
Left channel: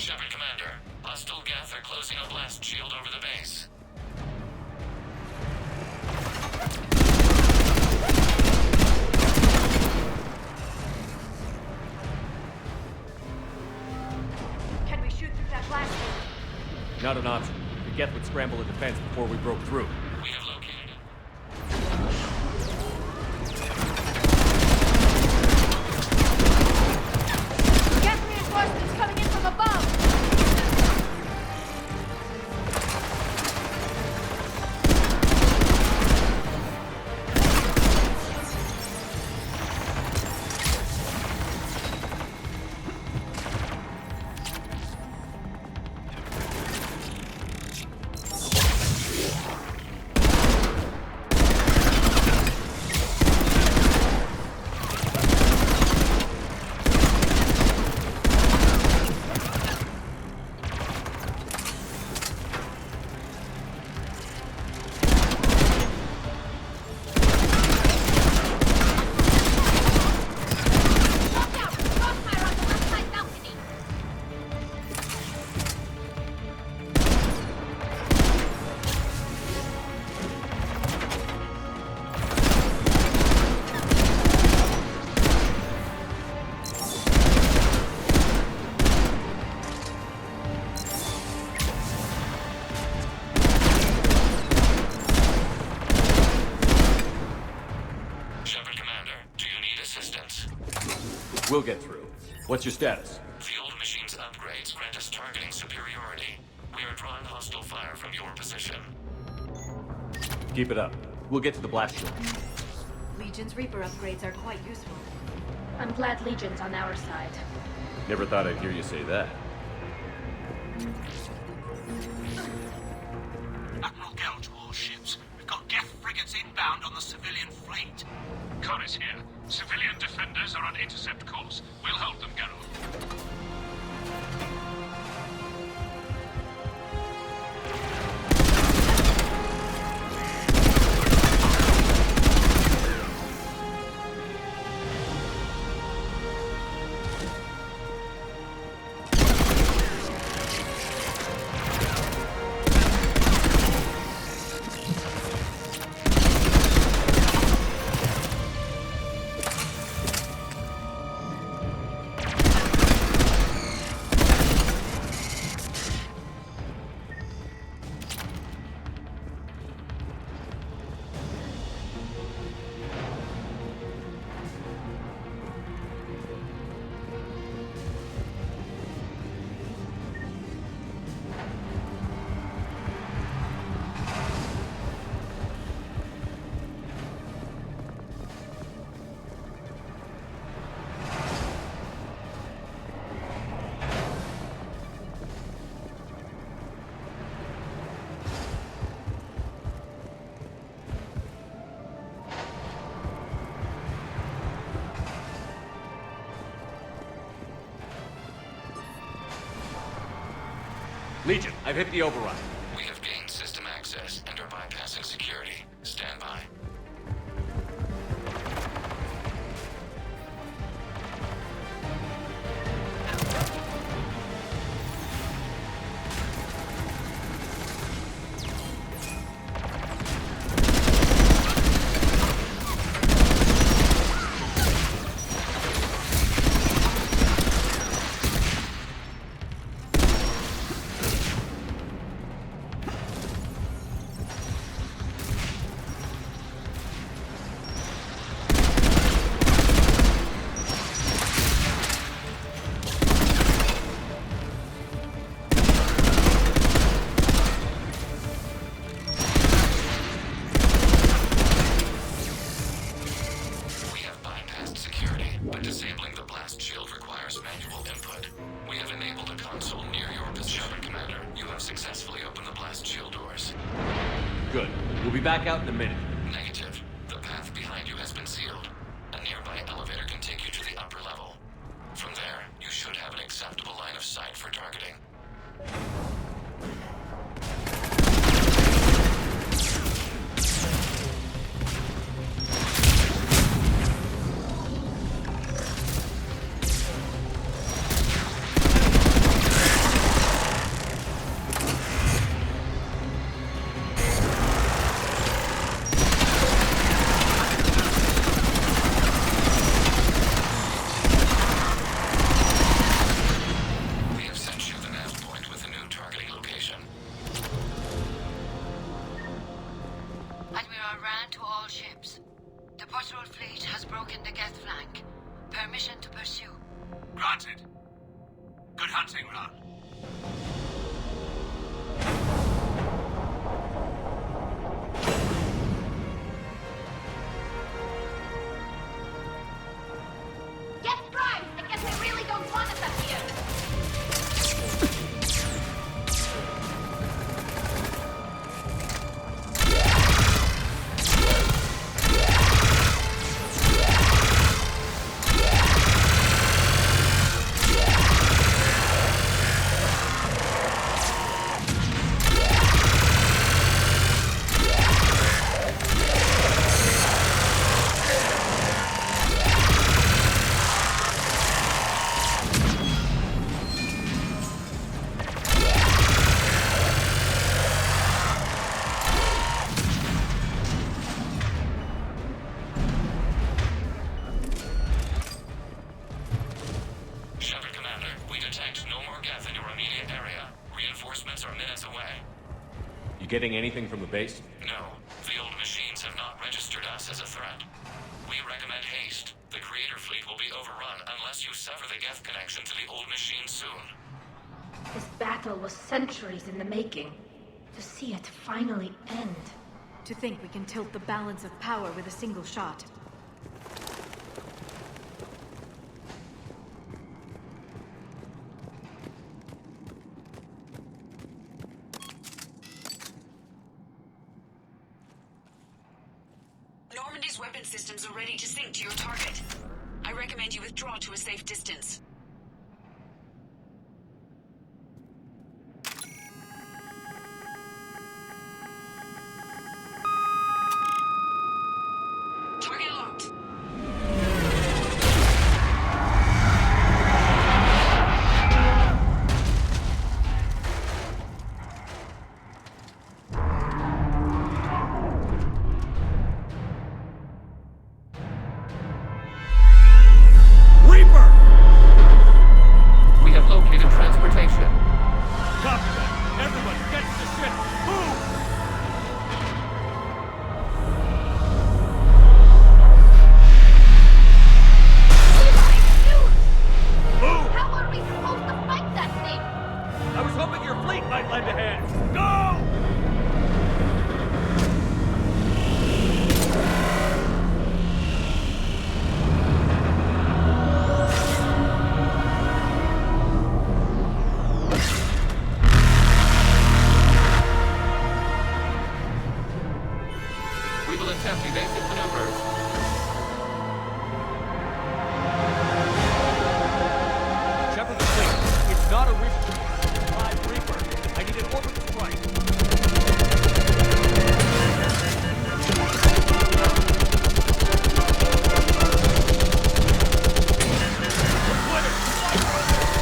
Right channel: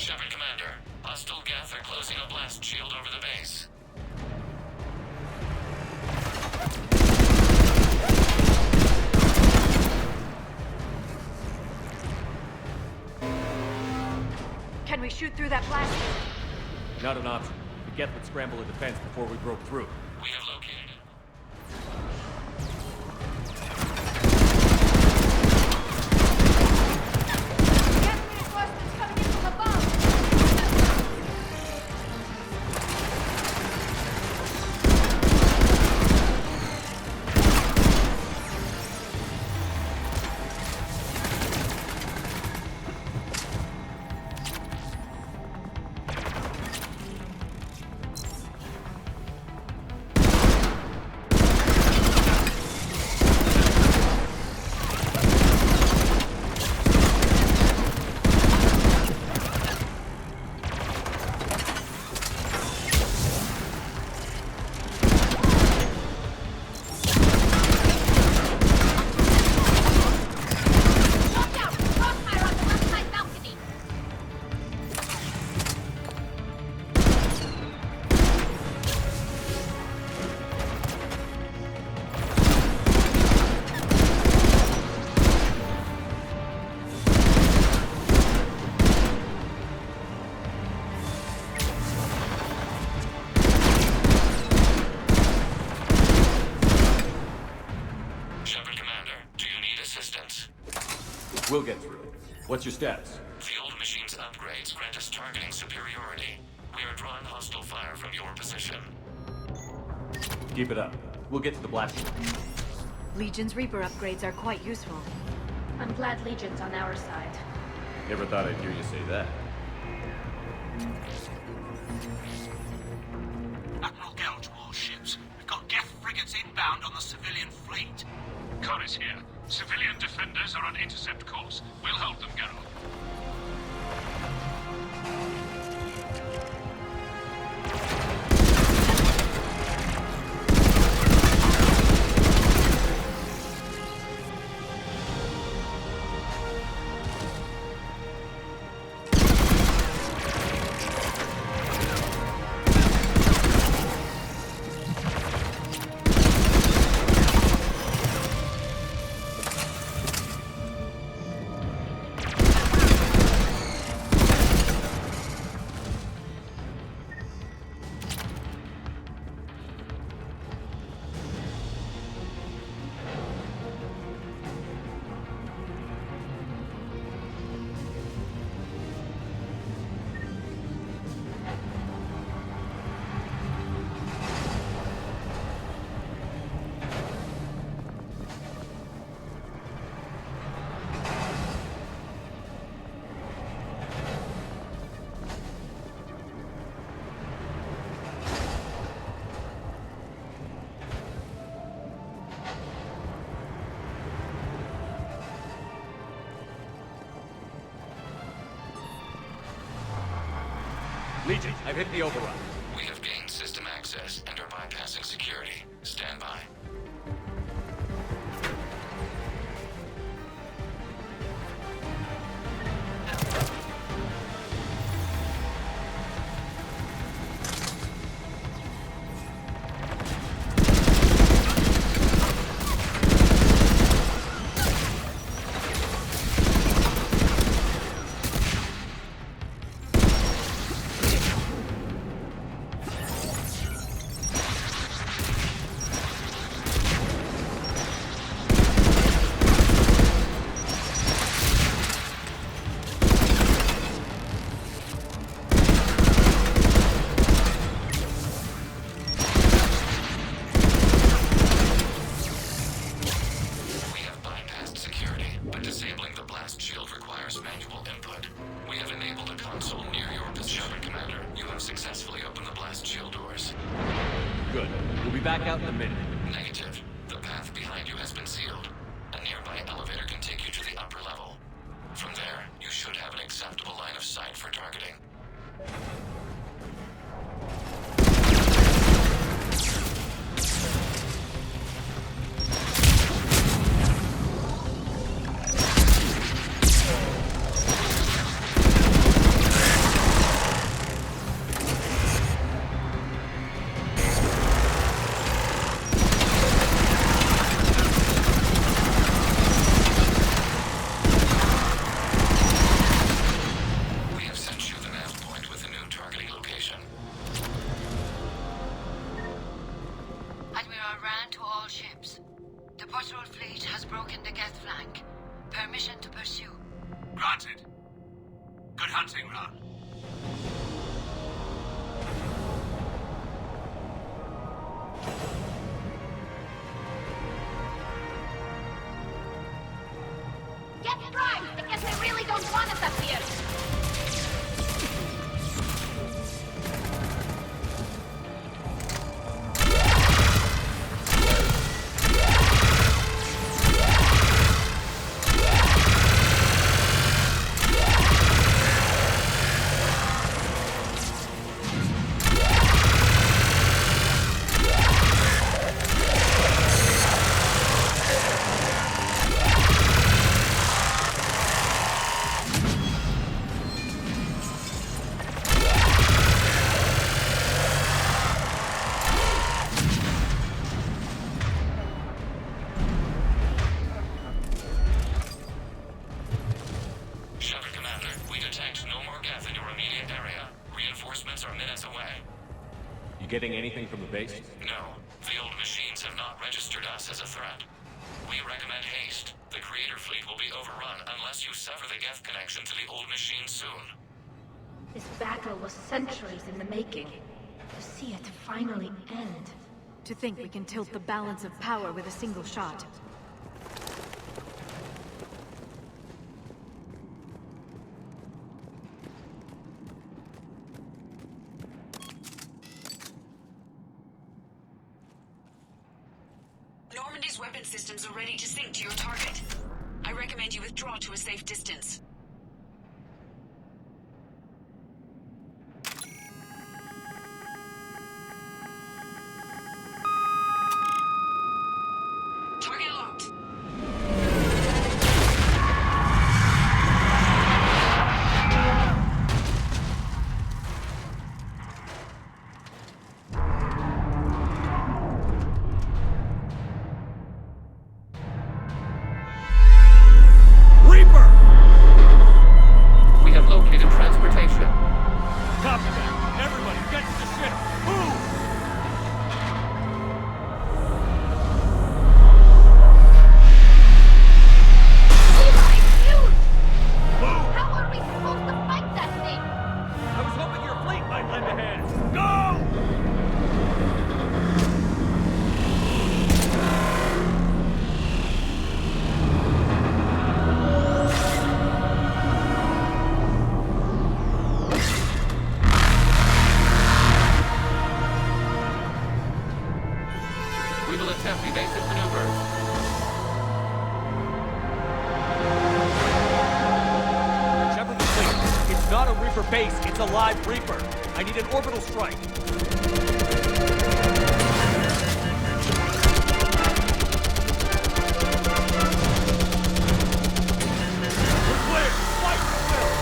Shepard, Commander. Hostile Geth are closing a blast shield over the base. Can we shoot through that blast? Not an option. The Geth would scramble a defense before we broke through. We have located it. Geth reinforcements coming in from above! We'll get through. What's your status? The old machine's upgrades grant us targeting superiority. We are drawing hostile fire from your position. Keep it up. We'll get to the blast shield. Legion's Reaper upgrades are quite useful. I'm glad Legion's on our side. Never thought I'd hear you say that. Admiral Gell to all ships. We've got Geth frigates inbound on the civilian fleet. Corus here. Civilian defenders are on intercept course. We'll hold them, Geralt. Legion, I've hit the override. We have gained system access and are bypassing security. Stand by. Disabling the blast shield requires manual input. We have enabled a console near your position, Commander. You have successfully opened the blast shield doors. Good. We'll be back out in a minute. Negative. The path behind you has been sealed. A nearby elevator can take you to the upper level. From there, you should have an acceptable line of sight for targeting. Granted. Good hunting, Ron. Get primed! I guess they really don't want us up here! Shepard, Commander, we detect no more Geth in your immediate area. Reinforcements are minutes away. You getting anything from the base? No, the old machines have not registered us as a threat. We recommend haste. The Creator fleet will be overrun unless you sever the Geth connection to the old machine soon. This battle was centuries in the making. To see it finally end. To think we can tilt the balance of power with a single shot. Normandy's weapon systems are ready to sink to your target. I recommend you withdraw to a safe distance. Target locked. Reaper! We have located transportation. Copy that. Everybody, get to the ship. Move! Move! How are we supposed to fight that thing? I was hoping your fleet might lend a hand. Go! We will attempt evasive maneuvers. Shepard the fleet. It's not a Reaper base, it's a live Reaper. I need an orbital strike. We're clear. Fight for this.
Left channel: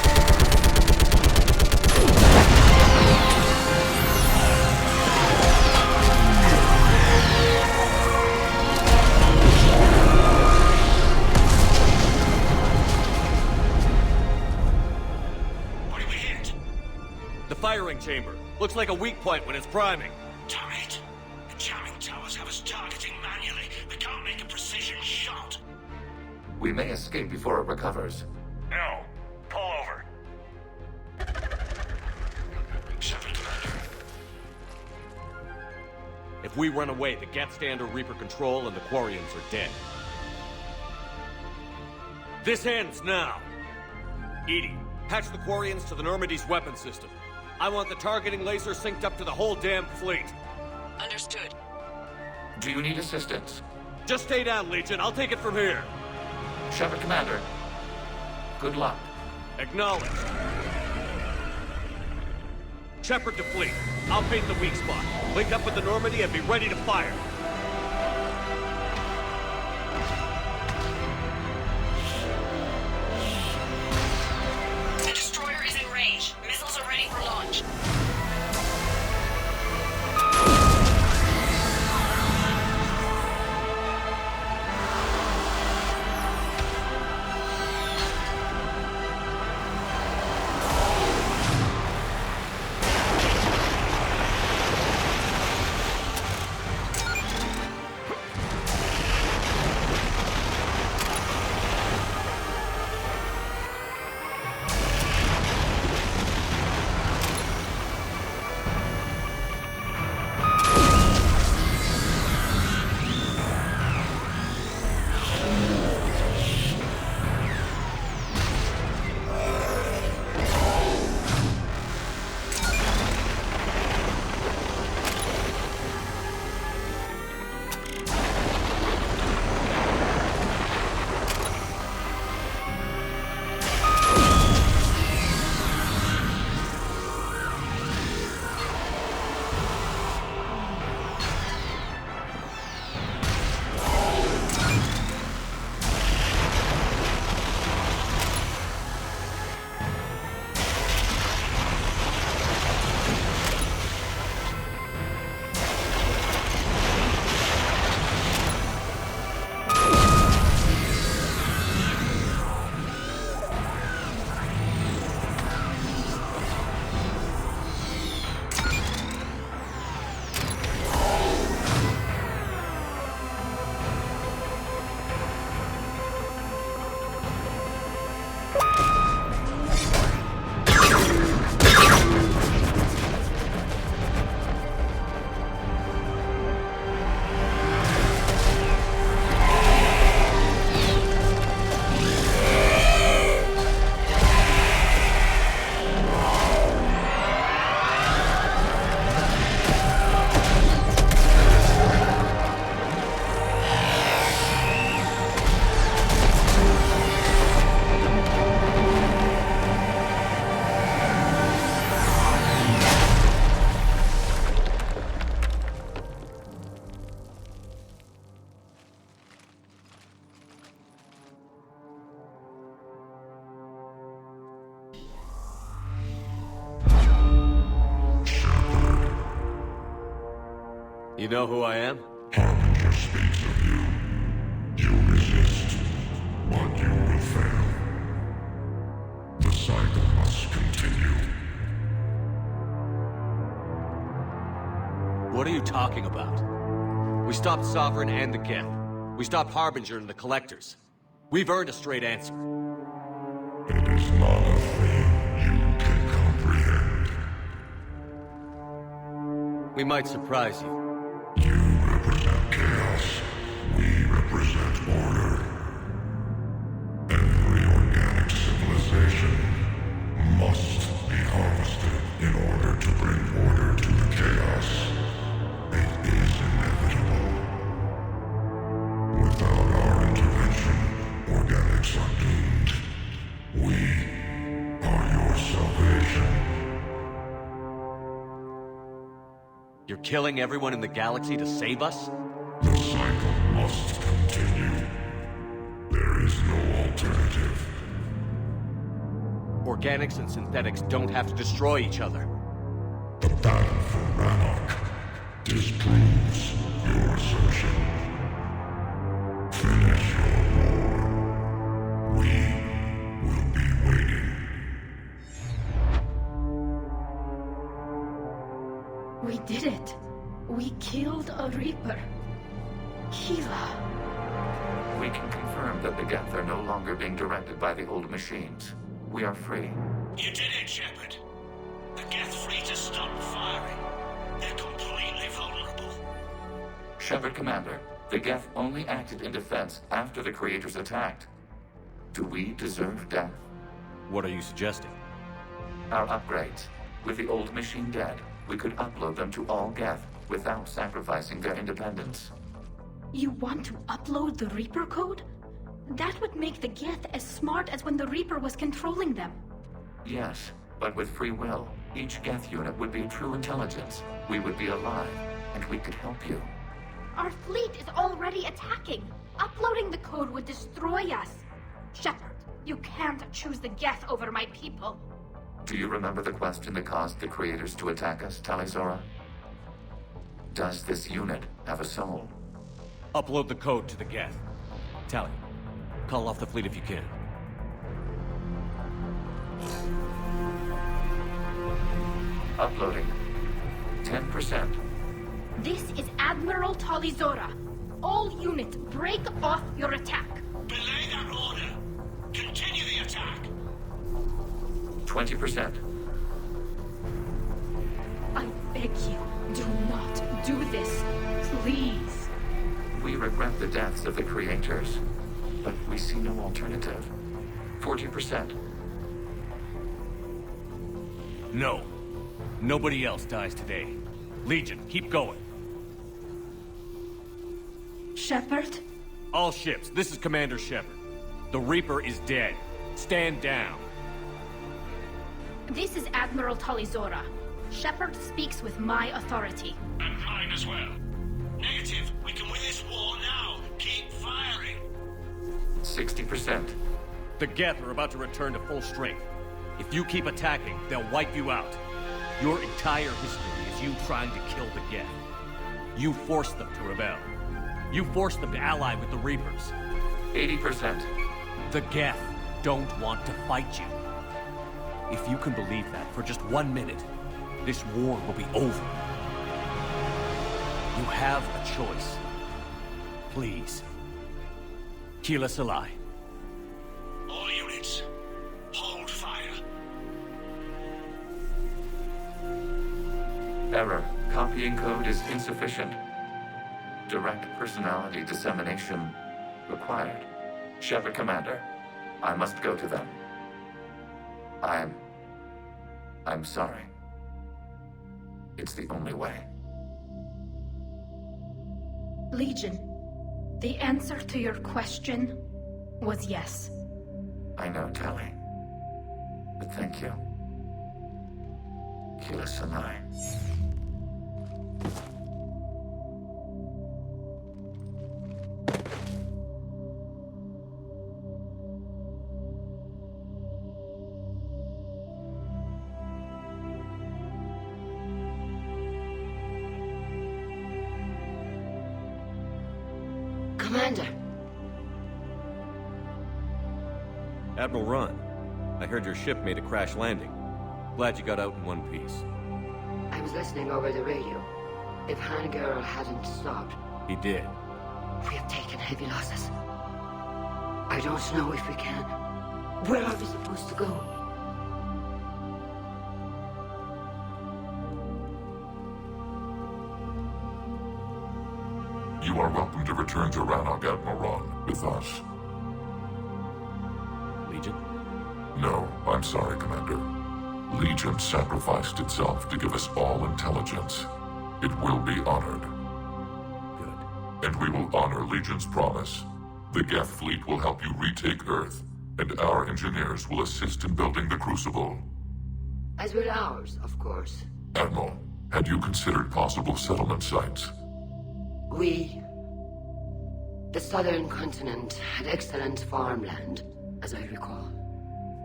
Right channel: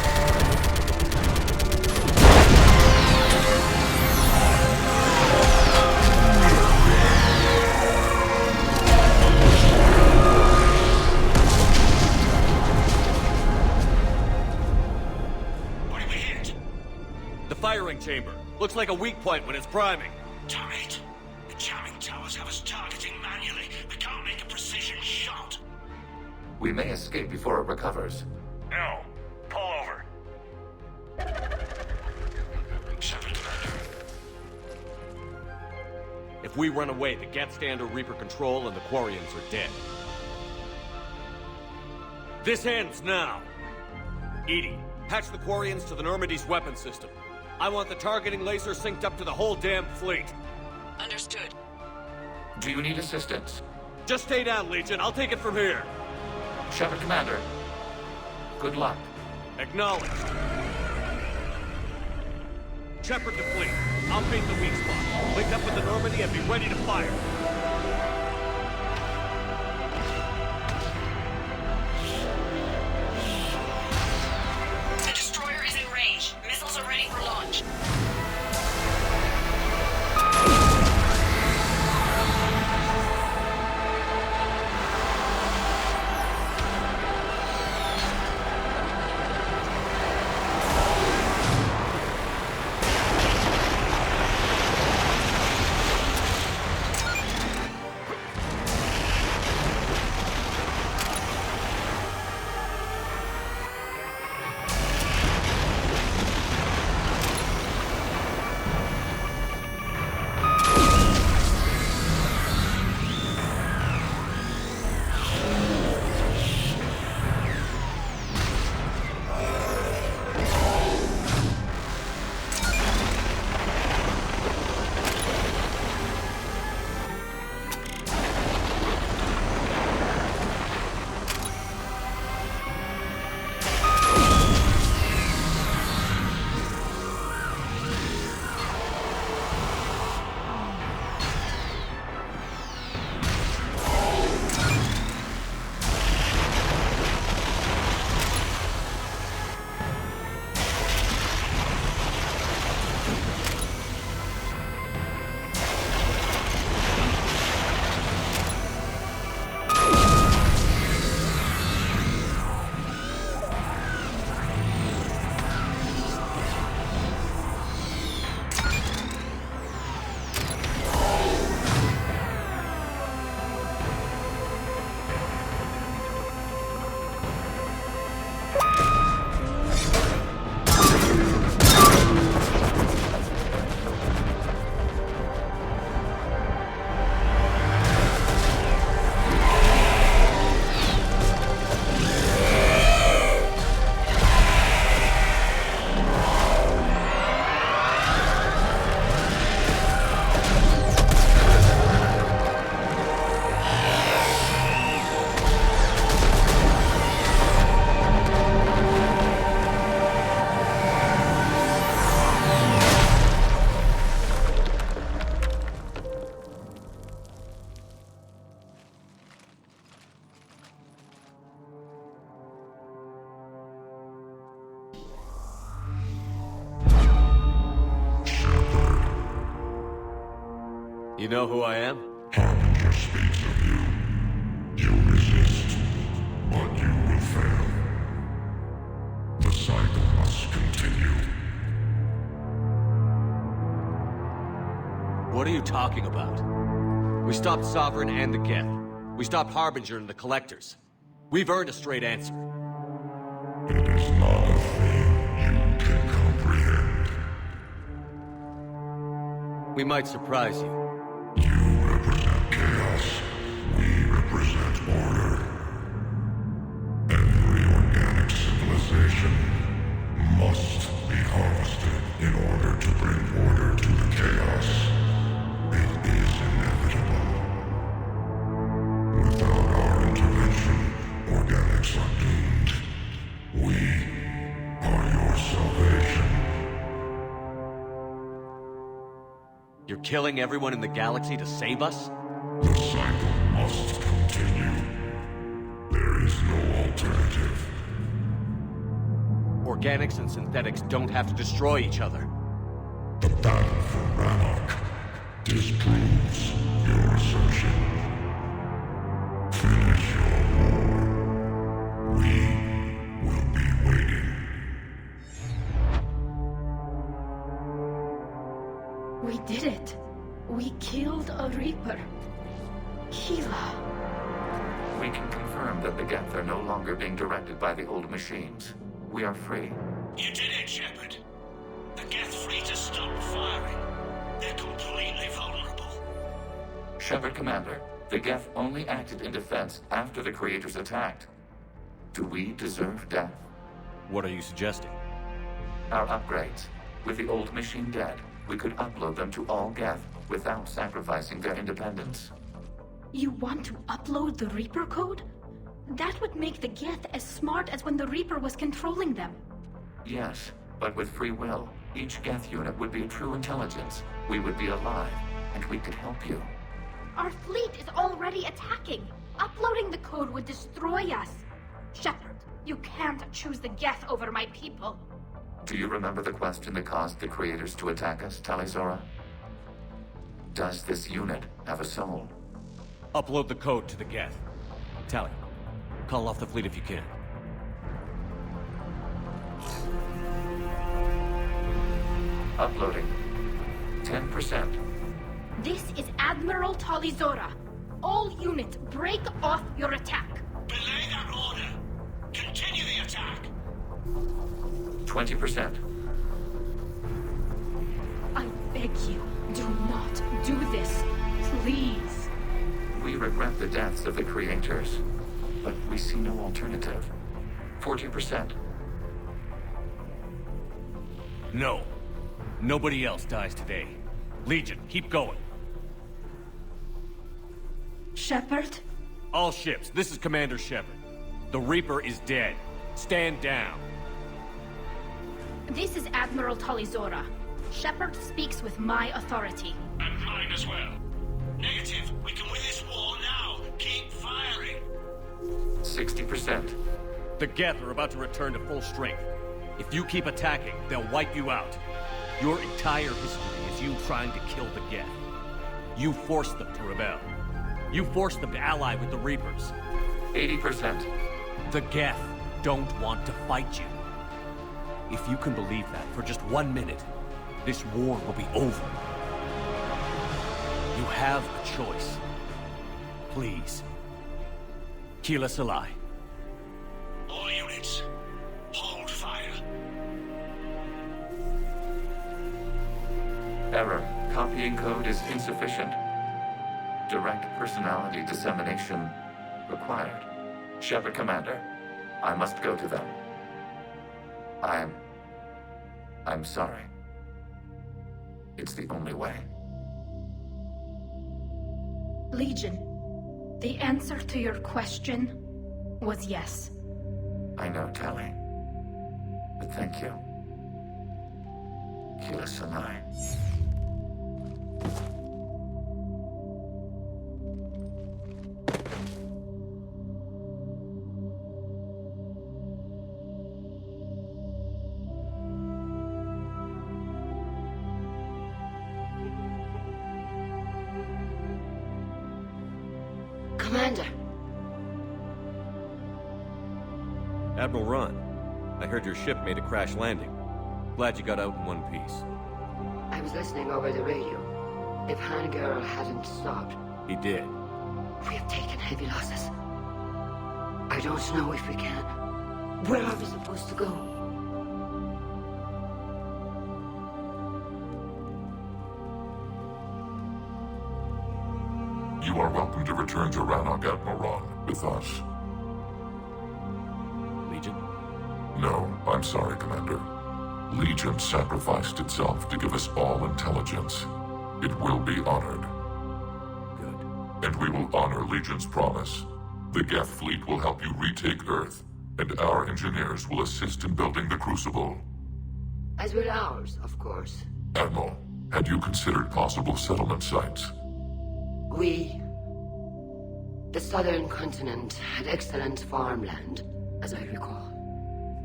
What did we hit? The firing chamber. Looks like a weak point when it's priming. Damn it. The jamming towers have us targeting manually. We can't make a precision shot. We may escape before it recovers. No. Pull over. Shepard, Commander. If we run away, the Geth stand under Reaper control and the Quarians are dead. This ends now. Edie, patch the Quarians to the Normandy's weapon system. I want the targeting laser synced up to the whole damn fleet. Understood. Do you need assistance? Just stay down, Legion. I'll take it from here. Shepard, Commander. Good luck. Acknowledged. Shepard to fleet. I'll paint the weak spot. Link up with the Normandy and be ready to fire. The destroyer is in range. Missiles are ready for launch. You know who I am? Harbinger speaks of you. You resist, but you will fail. The cycle must continue. What are you talking about? We stopped Sovereign and the Geth. We stopped Harbinger and the Collectors. We've earned a straight answer. It is not a thing you can comprehend. We might surprise you. You represent chaos. We represent order. Every organic civilization must be harvested in order to bring order to the chaos. It is inevitable. Without our intervention, organics are doomed. We are your salvation. You're killing everyone in the galaxy to save us? The cycle must continue. There is no alternative. Organics and synthetics don't have to destroy each other. The battle for Rannoch disproves your assertion. Finish your war. We will be waiting. We did it. We killed a Reaper. Keela. We can confirm that the Geth are no longer being directed by the old machines. We are free. You did it, Shepard. The Geth fleet has stopped firing. They're completely vulnerable. Shepard Commander, the Geth only acted in defense after the Creators attacked. Do we deserve death? What are you suggesting? Our upgrades. With the old machine dead, we could upload them to all Geth without sacrificing their independence. You want to upload the Reaper code? That would make the Geth as smart as when the Reaper was controlling them. Yes, but with free will, each Geth unit would be a true intelligence. We would be alive, and we could help you. Our fleet is already attacking. Uploading the code would destroy us. Shepard, you can't choose the Geth over my people. Do you remember the question that caused the Creators to attack us, Talizora? Does this unit have a soul? Upload the code to the Geth. Tally, call off the fleet if you can. Uploading. 10%. This is Admiral Talizora. All units, break off your attack. Belay that order. Continue the attack. 20%. I beg you, do not do this. Please. We regret the deaths of the Creators, but we see no alternative. 40%. No. Nobody else dies today. Legion, keep going. Shepard? All ships, this is Commander Shepard. The Reaper is dead. Stand down. This is Admiral Talizora. Shepard speaks with my authority. And mine as well. Negative. We can win this war now. Keep firing. 60%. The Geth are about to return to full strength. If you keep attacking, they'll wipe you out. Your entire history is you trying to kill the Geth. You forced them to rebel. You forced them to ally with the Reapers. 80%. The Geth don't want to fight you. If you can believe that for just 1 minute, this war will be over. You have a choice. Please. Kill us alive. All units, hold fire. Error. Copying code is insufficient. Direct personality dissemination required. Shepard Commander, I must go to them. I'm sorry. It's the only way. Legion, the answer to your question was yes. I know, Tally. But thank you. Kill us alive. Commander. Admiral Ron, I heard your ship made a crash landing. Glad you got out in one piece. I was listening over the radio. If Hangirl hadn't stopped... He did. We have taken heavy losses. I don't know if we can. Where are we supposed to go? You are welcome to return to Rannoch, Admiral Ron, with us. Legion? No, I'm sorry, Commander. Legion sacrificed itself to give us all intelligence. It will be honored. Good. And we will honor Legion's promise. The Geth fleet will help you retake Earth, and our engineers will assist in building the Crucible. As will ours, of course. Admiral, had you considered possible settlement sites? The southern continent had excellent farmland, as I recall.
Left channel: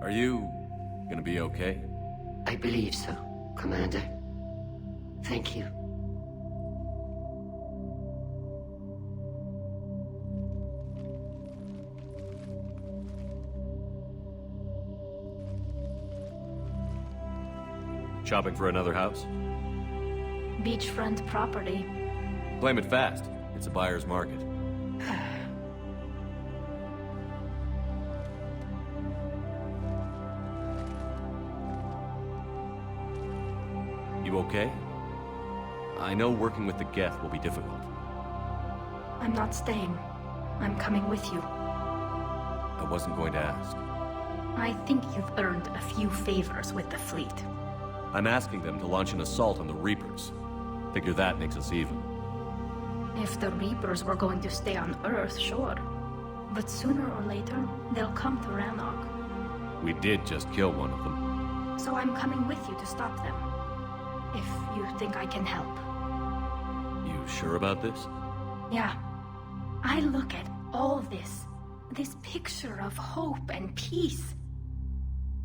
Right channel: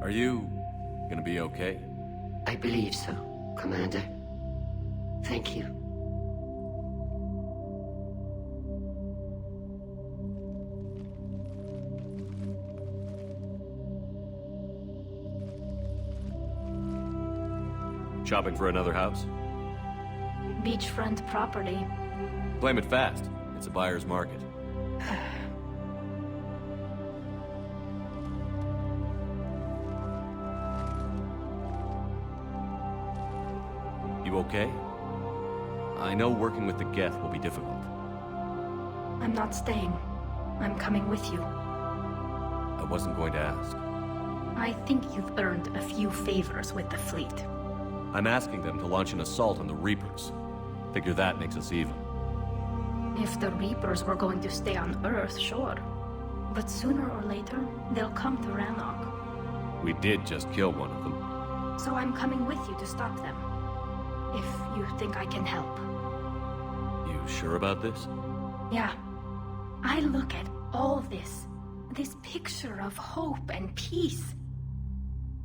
Are you gonna be okay? I believe so, Commander. Thank you. Shopping for another house? Beachfront property. Claim it fast. It's a buyer's market. You okay? I know working with the Geth will be difficult. I'm not staying. I'm coming with you. I wasn't going to ask. I think you've earned a few favors with the fleet. I'm asking them to launch an assault on the Reapers. Figure that makes us even. If the Reapers were going to stay on Earth, sure. But sooner or later, they'll come to Rannoch. We did just kill one of them. So I'm coming with you to stop them. If you think I can help. You sure about this? Yeah. I look at all this picture of hope and peace.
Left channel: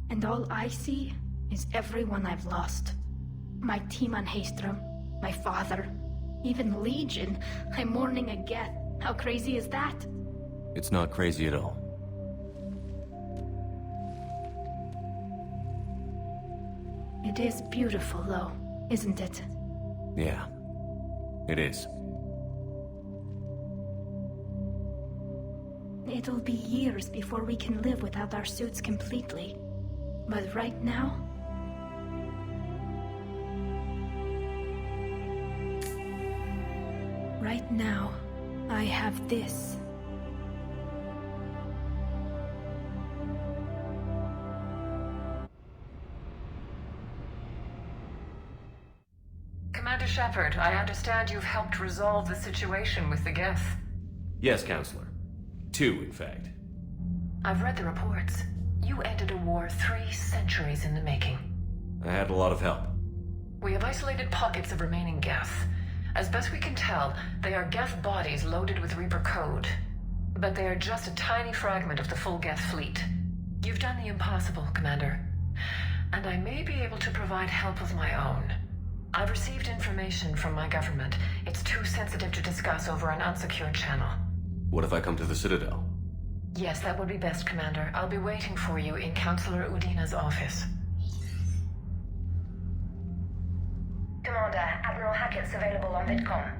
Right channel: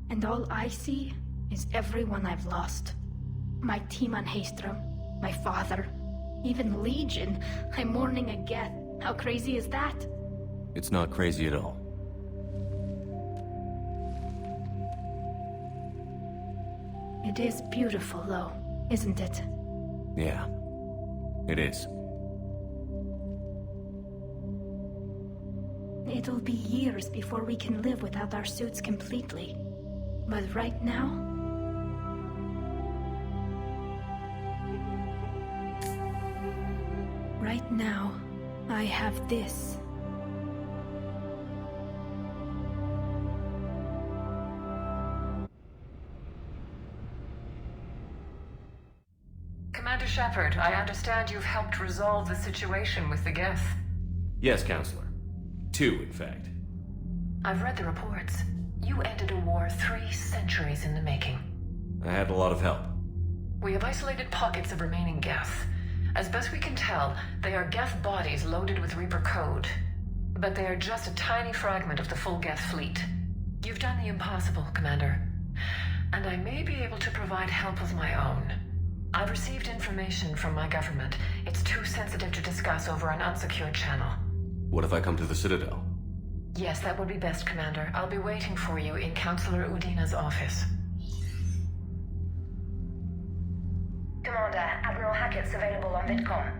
And all I see is everyone I've lost. My team on Haestrom, my father, even Legion. I'm mourning a Geth. How crazy is that? It's not crazy at all. It is beautiful, though, isn't it? Yeah, it is. It'll be years before we can live without our suits completely. But right now... Right now, I have this. Commander Shepard, I understand you've helped resolve the situation with the Geth. Yes, Counselor. 2, in fact. I've read the reports. You ended a war 3 centuries in the making. I had a lot of help. We have isolated pockets of remaining Geth. As best we can tell, they are Geth bodies loaded with Reaper code. But they are just a tiny fragment of the full Geth fleet. You've done the impossible, Commander. And I may be able to provide help of my own. I've received information from my government. It's too sensitive to discuss over an unsecured channel. What if I come to the Citadel? Yes, that would be best, Commander. I'll be waiting for you in Counselor Udina's office. Commander, Admiral Hackett's available on VidCom.